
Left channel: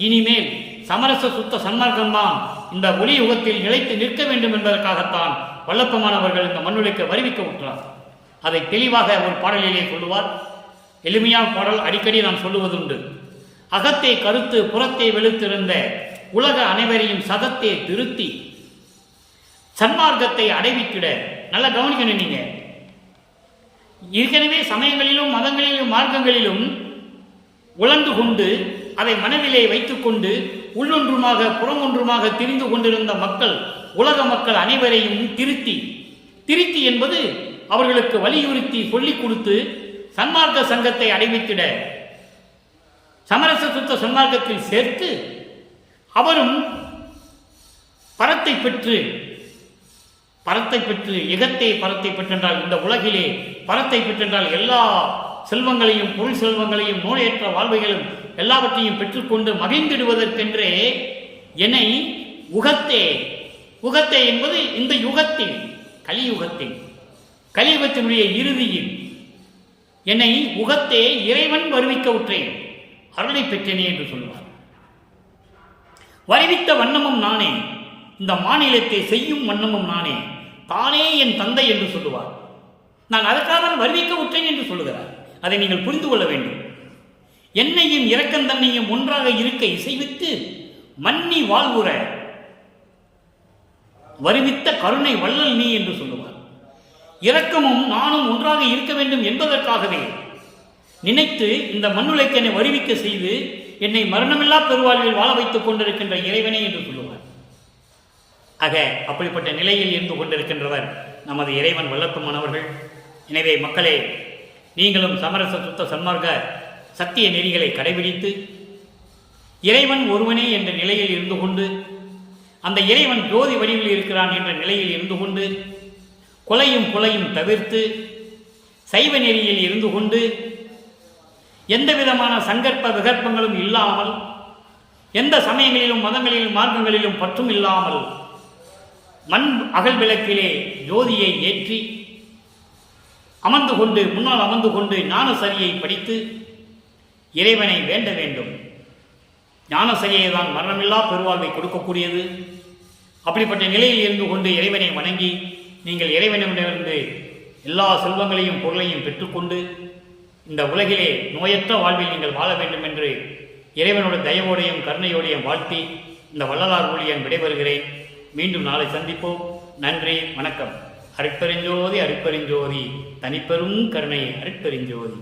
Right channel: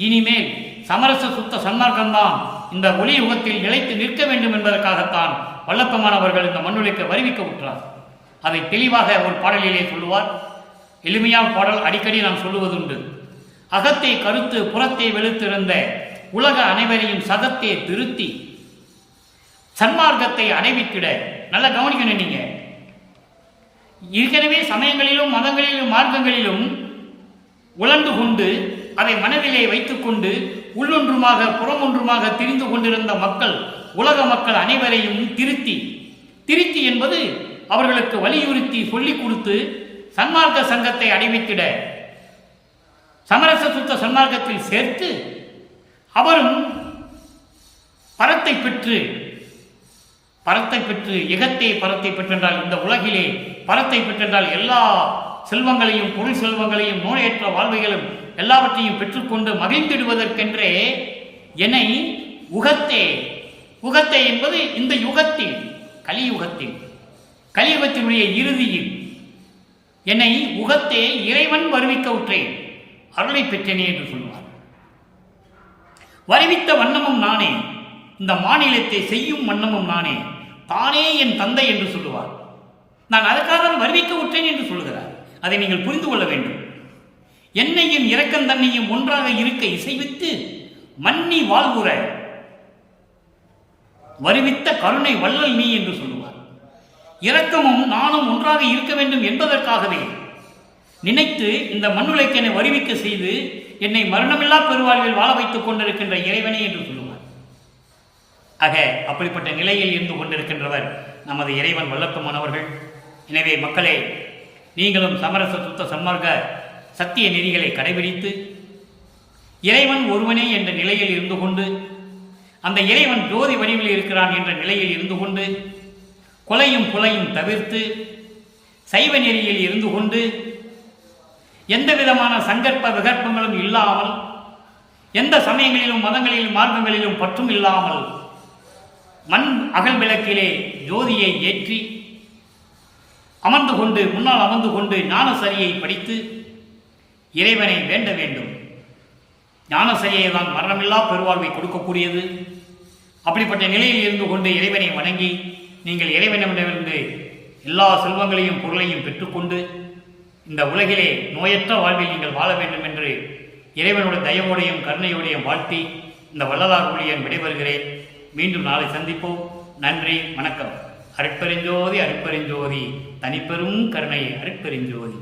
இனிமேல் சமரச சுத்த சன்மார்க்கம்தான் இந்த ஒளி யுகத்தில் நிலைத்து நிற்க வேண்டும் என்பதற்காகத்தான் வல்லப்பெருமான் அவர்கள் இந்த மண்ணுலைக்கு வருவிக்க விட்டார். அதை தெளிவாக ஒரு பாடலிலே சொல்லுவார். எளிமையான பாடல், அடிக்கடி நான் சொல்லுவதுண்டு. அகத்தே கருத்து புறத்தே வெளுத்திருந்த உலக அனைவரையும் சகத்தே திருத்தி சன்மார்க்கத்தை அடைவித்திட. நல்லா கவனிக்கணும். நீங்க ஏற்கனவே சமயங்களிலும் மதங்களிலும் மார்க்கங்களிலும் உழந்து கொண்டு அதை மனதிலே வைத்துக்கொண்டு உள்ளொன்றுமாக புறமொன்றுமாக திரிந்து கொண்டிருந்த மக்கள், உலக மக்கள் அனைவரையும் திருத்தி என்பது அவர்களுக்கு வலியுறுத்தி சொல்லிக் கொடுத்து சன்மார்க்க சங்கத்தை அடைவித்திட சமரச சுத்த சன்மார்க்கத்தில் சேர்த்து அவரும் பரத்தை பெற்று எகத்தே பரத்தை பெற்றென்றால் இந்த உலகிலே பரத்தை பெற்றென்றால் எல்லா செல்வங்களையும் பொருள் செல்வங்களையும் நோயற்ற வாழ்வைகளும் எல்லாவற்றையும் பெற்றுக்கொண்டு மகிழ்ந்திடுவதற்கென்றே என்னை உகத்தே, உகத்தே என்பது இந்த யுகத்தில், கலியுகத்தினுடைய இறுதியில் என்னை உகத்தே இறைவன் வருவிக்க உற்றேன், அருளை பெற்றேனே என்று சொல்லுவார். வருவித்த வண்ணமும் நானே, இந்த மாநிலத்தை செய்யும் வண்ணமும் நானே, தானே என் தந்தை என்று சொல்லுவார். நான் அதற்காக வருவிக்க உற்றேன் என்று சொல்லுகிறார். அதை நீங்கள் புரிந்து கொள்ள வேண்டும். என்னையும் இரக்கம் தன்னையும் ஒன்றாக இருக்க இசைவித்து மன்னி வாழ்வுற வருவித்த கருணை வள்ளல் நீ என்று சொல்லுவார். இரக்கமும் நானும் ஒன்றாக இருக்க வேண்டும் என்பதற்காகவே நினைத்து இந்த மண்ணுலைக்கு என்னை வருவிக்க செய்து என்னை மரணமில்லா பெருவாழ்வில் வாழ வைத்துக் கொண்டிருக்கின்ற இறைவனே என்று சொல்லுவார். ஆக அப்படிப்பட்ட நிலையில் இருந்து கொண்டிருக்கின்றவர் நமது இறைவன் வல்லப்பன் அவர்கள். எனவே மக்களே, நீங்களும் சமரச சுத்த சன்மார்க்க சத்திய நெறிகளை கடைபிடித்து இறைவன் ஒருவனே என்ற நிலையில் இருந்து கொண்டு, அந்த இறைவன் ஜோதி வடிவில் இருக்கிறான் என்ற நிலையில் இருந்து கொண்டு, கொலையும் புலையும் தவிர்த்து சைவ நெறியில் இருந்து கொண்டு, எந்த விதமான சங்கற்ப விகற்பங்களும் இல்லாமல், எந்த சமயங்களிலும் மதங்களிலும் மார்க்கங்களிலும் பற்றும் இல்லாமல் மண் அகல் விளக்கிலே ஜோதியை ஏற்றி முன்னால் அமர்ந்து கொண்டு ஞானசரியை படித்து இறைவனை வேண்ட வேண்டும். ஞானசரியை தான் மரணமில்லா பெருவாழ்வை கொடுக்கக்கூடியது. அப்படிப்பட்ட நிலையில் இருந்து கொண்டு இறைவனை வணங்கி நீங்கள் இறைவனிடமிருந்து எல்லா செல்வங்களையும் பொருளையும் பெற்றுக்கொண்டு இந்த உலகிலே நோயற்ற வாழ்வில் நீங்கள் வாழ வேண்டும் என்று இறைவனுடைய தயவோடையும் கருணையோடையும் வாழ்த்தி இந்த வள்ளலார் ஊழியன் விடைபெறுகிறேன். மீண்டும் நாளை சந்திப்போம். நன்றி, வணக்கம். அருட்பெருஞ்சோதி, அருட்பெருஞ்சோதி, தனிப்பெரும் கருணை, அருட்பெருஞ்சோதி.